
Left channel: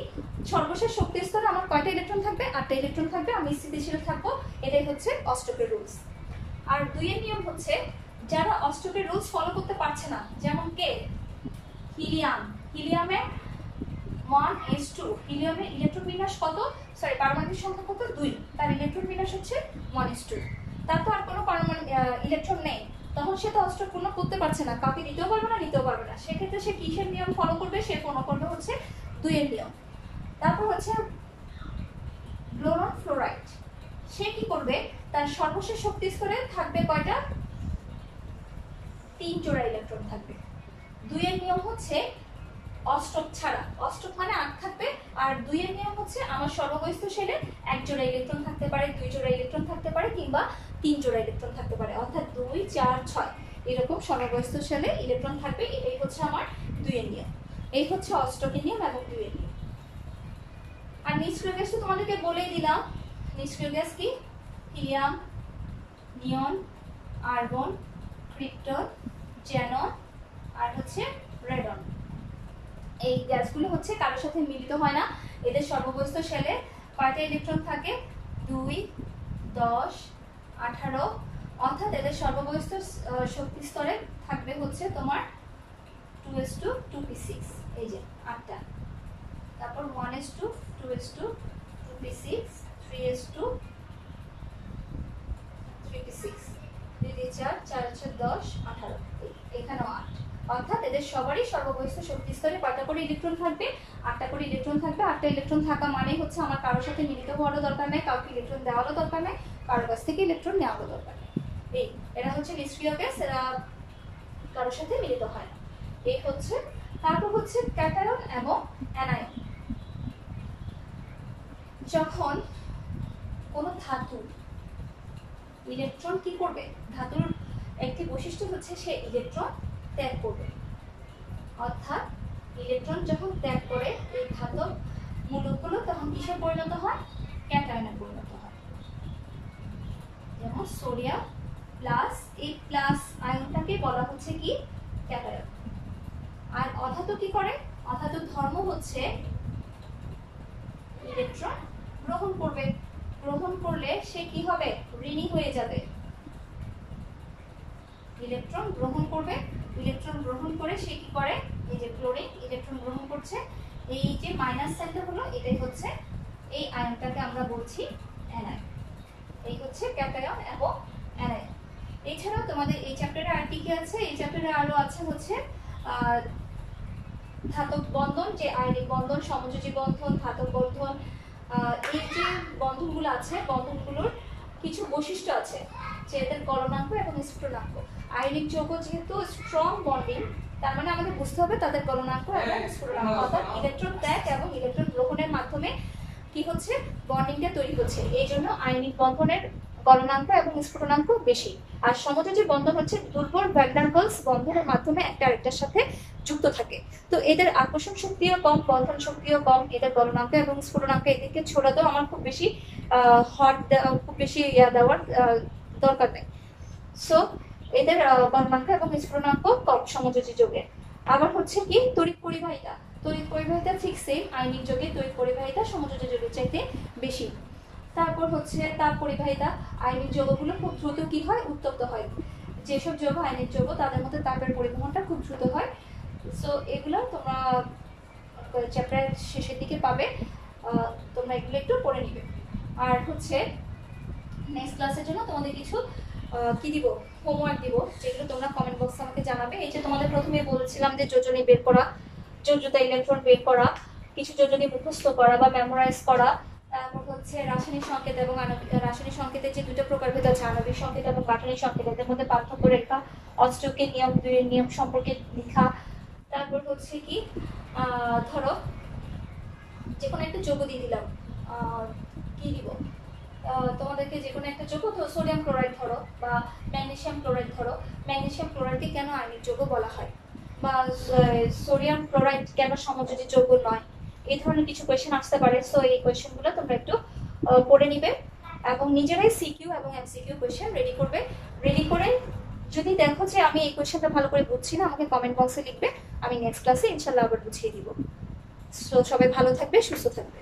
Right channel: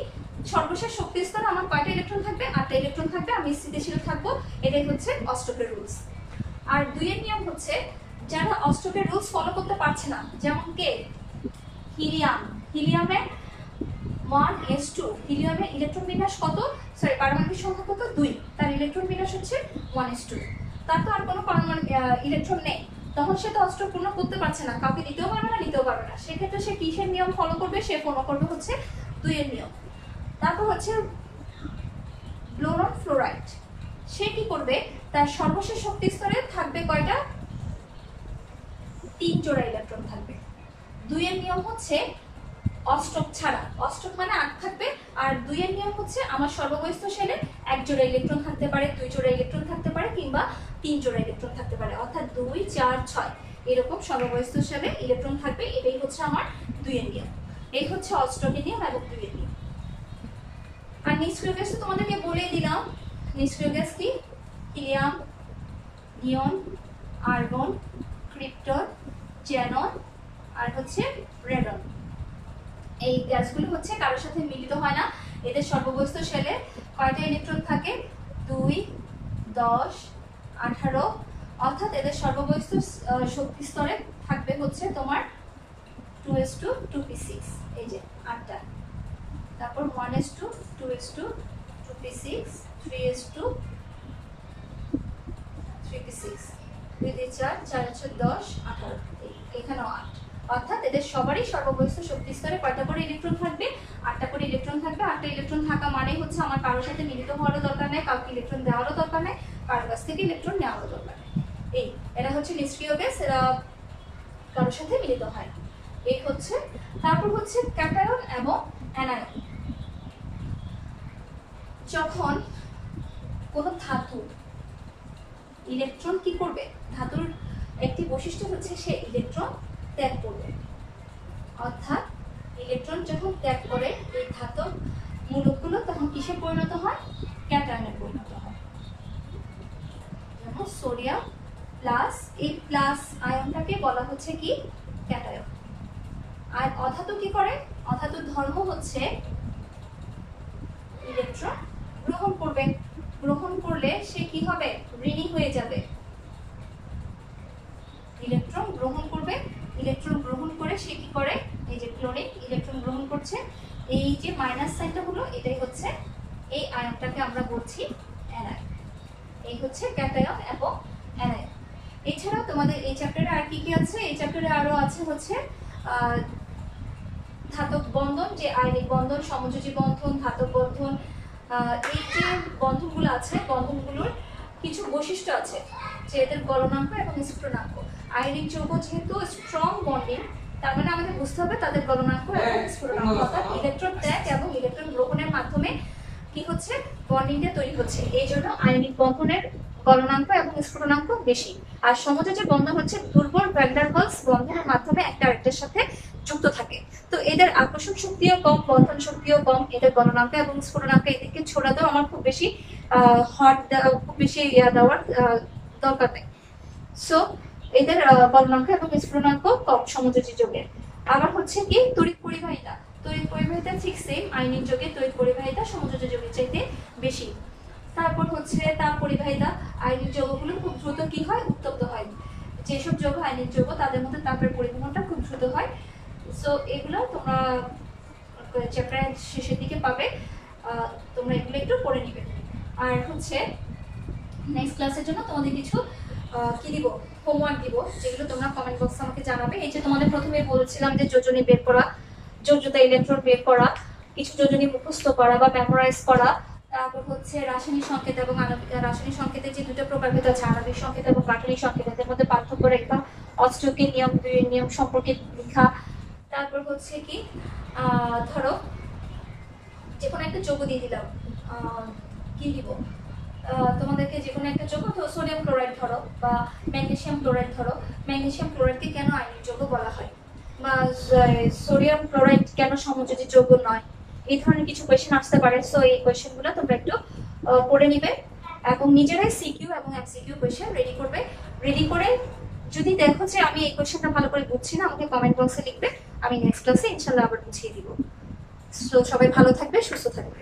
সর্বশেষ শক্তি স্তরে আমার কয়টা ইলেকট্রন থাকবে, 8টা ইলেকট্রন থাকবে, আমি স্থিতিশীল থাকবো, এটাই হচ্ছে অষ্টকের রুলস। আর 2 এর নিয়ম হচ্ছে, যারা অষ্টকের রুলস ফলো করতে পারছে না, যেমন কে, হিলিয়ামের 1s2, হিলিয়ামের ইলেকট্রন বিন্যাস কত, সরি পারমাণবিক সংখ্যা কত, 2, তার ইলেকট্রন বিন্যাস হচ্ছে 1s2, তার তো আর কোনো পারমাণবিক ইলেকট্রন নেই, তখন সে তো অষ্টক পূর্ণ করতে পারছে না, কাউকে দিতেও পারবে না, নিতেও পারবে না, সেক্ষেত্রে সে কিসের নিয়ম ফলো করবে, সে ফলো করবে হচ্ছে 2 এর নিয়ম। তারপর হচ্ছে বোরন ফ্লোরাইড, সে কি করবে, তার সর্বশেষ শক্তি স্তরে থাকবে কয়টা, 3 জোড়া ইলেকট্রন থাকবে। 2 এর নিয়ম হচ্ছে অষ্টক ছাড়া, অষ্টক মানে 8 থাকবে, আর 2 এর নিয়ম হচ্ছে আমার সর্ববহিস্থ শেলে 1 জোড়া ইলেকট্রন থাকতে পারে, 2 জোড়া ইলেকট্রন থাকতে পারে, কিংবা 3 জোড়া ইলেকট্রন থাকতে পারে, অর্থাৎ 2, 4, 6 এরকম সর্ববহিস্থ শেলে ইলেকট্রন থাকবে, এটাই হচ্ছে আমার 2 এর নিয়ম। এই হচ্ছে অষ্টকের নিয়ম এবং 2 এর নিয়ম। আর নিষ্ক্রিয় গ্যাস তো তোমাদেরকে বলেই দিলাম, নিষ্ক্রিয় গ্যাস কি, হিলিয়াম, নিয়ন, আর্গন, ক্রিপ্টন, জ্যানন আর হচ্ছে রেডন। এই গ্যাসগুলো হচ্ছে কারোর সাথে মিলিত হয় না, এদের সর্ববহিস্থ শেলে কয়টা ইলেকট্রন থাকে, 2, 10, 18, অর্থাৎ এদের সর্ববহিস্থ শক্তি স্তরে থাকবে হচ্ছে তোমার 2s2, 2p6, এই যে 8টা, তারপর 1s2, 2s2, 2p6, 3s2, 3p6, 2 দিয়ে 4, 4 10, 18, এখানেও 8, অর্থাৎ এদের সবারই সর্ববহিস্থ শক্তি স্তরে কয়টা করে ইলেকট্রন থাকবে, 8টা করে ইলেকট্রন থাকবে। 8টা ইলেকট্রন থাকা মানে হচ্ছে আমার কারোর সাথে মিলিত হওয়ারও দরকার নেই, কাউকে ইলেকট্রন দেওয়ারও দরকার নেই, কারোর কাছ থেকে ইলেকট্রন নেওয়ারও দরকার নেই। এরা হচ্ছে নিষ্ক্রিয় গ্যাস, এরা কারোর সাথে মিলিত হয় না। এই হচ্ছে, তারপর হচ্ছে ক্যাটায়ন এবং অ্যানায়ন। যখন কোনো ধাতু ইলেকট্রন কি করবে, ধাতুর একটি বৈশিষ্ট্য হচ্ছে সে ইলেকট্রন ত্যাগ করবে, অর্থাৎ ইলেকট্রন যখন ত্যাগ করে এই ধাতব মূলকগুলো তখন কিসে পরিণত হয়, ক্যাটায়নে পরিণত হয়। যেমন সোডিয়াম প্লাস, এই প্লাস আয়নটাকে বলা হচ্ছে কি ক্যাটায়ন। আর অধাতু কি করে, অধাতুর ধর্ম হচ্ছে ইলেকট্রন গ্রহণ করবে, গ্রহণ করলে সে কি হবে, ঋণী হয়ে যাবে। ইলেকট্রন গ্রহণ করবে, ইলেকট্রন গ্রহণ করে সে কি করে, এই যে ক্লোরিন ইলেকট্রন গ্রহণ করছে, এই যে মাইনাস সাইনটা হলো এটাই হচ্ছে এই আয়নটাকে আমরা বলছি অ্যানায়ন। এই হচ্ছে ক্যাটায়ন এবং অ্যানায়ন। এছাড়া তোমাদের এই চ্যাপ্টারে আর কি কি আছে, এই চ্যাপ্টারে আরো আছে হচ্ছে ধাতব বন্ধন, যে আয়নিক বন্ধন, সমযোজী বন্ধন, ধাতব বন্ধন, এই যে বন্ধনগুলো আছে, বন্ধনগুলোর কিছু বৈশিষ্ট্য আছে, যে এদের গলনাঙ্ক এবং স্ফুটনাঙ্ক। আয়নিক যৌগ যেহেতু স্ট্রং বন্ডিং, তার মানে আমাদের বুঝতে হবে তাদের গলনাঙ্ক এবং স্ফুটনাঙ্ক, অর্থাৎ ইলেকট্রন ত্যাগ এবং ইলেকট্রন গ্রহণের মাধ্যমে কি হচ্ছে, বন্ডিংটা তৈরি হচ্ছে, এই জন্য আয়নিক বন্ধনের গলনাঙ্ক এবং স্ফুটনাঙ্ক বেশি। আর সমযোজী বন্ধন হচ্ছে দুর্বল ভ্যান ডার ওয়ালস বন্ধনের মাধ্যমে একটা আরেকটার সাথে যুক্ত থাকে। তো এদের আকর্ষণ শক্তিও কম, বন্ধন শক্তিও কম, এদের গলনাঙ্ক এবং স্ফুটনাঙ্ক এদিকে ছোড়া দাও আমার খুব বেশি খুব বেশি দেওয়ার দরকার নেই। সো এদের গলনাঙ্ক এবং স্ফুটনাঙ্ক কম সমযোজী যৌগের। আবার হচ্ছে কি তড়িৎ পরিবাহিতা, তড়িৎ পরিবাহিতা ঠিক সেম, আয়নিক যৌগের তড়িৎ পরিবাহিতা সমযোজী যৌগের চাইতে বেশি। তারপর হচ্ছে তাপ পরিবাহিতা, আয়নিক যৌগগুলো খুব দ্রুত কি হয়, উত্তপ্ত হয়। যেসব যৌগ আয়নিক যৌগ তাদের মধ্যে তাপের পরিবহনটা খুব দ্রুত হয়। সো এগুলো তোমরা চ্যাপ্টারের শেষের দিকে পাবে। তোমরা এগুলো একটু পড়ে নিবে। আর হচ্ছে নেক্সট ক্লাসের জন্য তোমাদের কিছু কি দিব, হোমওয়ার্ক দিব, যেগুলো তোমরা কমেন্ট বক্সে আমাকে জানাবে। এই যে তোমাদের প্রথমে বলেছিলাম যে যোজনী বের করা, যোজ্যতা ইলেকট্রন বের করা, কিছু যোজনী মুখস্থ করা বা মেমোরাইজ করা, তারপর হচ্ছে রাসায়নিক সংকেত এবং আণবিক। রাসায়নিক সংকেতের যে দুটো প্রকারভেদ আছে, আণবিক সংকেত এবং গাঠনিক সংকেত, এদের মধ্যে পার্থক্য রেখা, অস্ট্রোকের নিয়ম, দুইয়ের নিয়ম সম্পর্কে লেখা। তারপর হচ্ছে কি ধরো যে কোনো একটা যোগ দিয়ে দিলাম, কি দিব তোমাদেরকে, যে কোনো একটা যোগ, তো সোডিয়াম ক্লোরাইড ধরো বা ম্যাগনেসিয়াম ক্লোরাইড ধরো। ম্যাগনেসিয়াম ক্লোরাইডকে কেন আয়নিক যৌগ বলা হয়, বা সোডিয়াম ক্লোরাইড কেন সমযোজী যৌগ নয়, এই ধরনের কিছু কোয়েশ্চেন আসতে পারে। সো এই কোয়েশ্চেনগুলো তোমরা একটু পড়ে নিবে এবং নিজেরাই সিকিউ এবং এমসিকিউ কোয়েশ্চেন রেডি করবে। রেডি করে যদি দেখো যে আমি এই কোয়েশ্চেনটা ভালো করে বুঝছি না, আমাকে কমেন্ট বক্সে লিখবে, আমি নেক্সট ক্লাসে ইনশাল্লাহ আবার বুঝিয়ে দিব। সো সবাই ভালো থাকবে, সুস্থ থাকবে।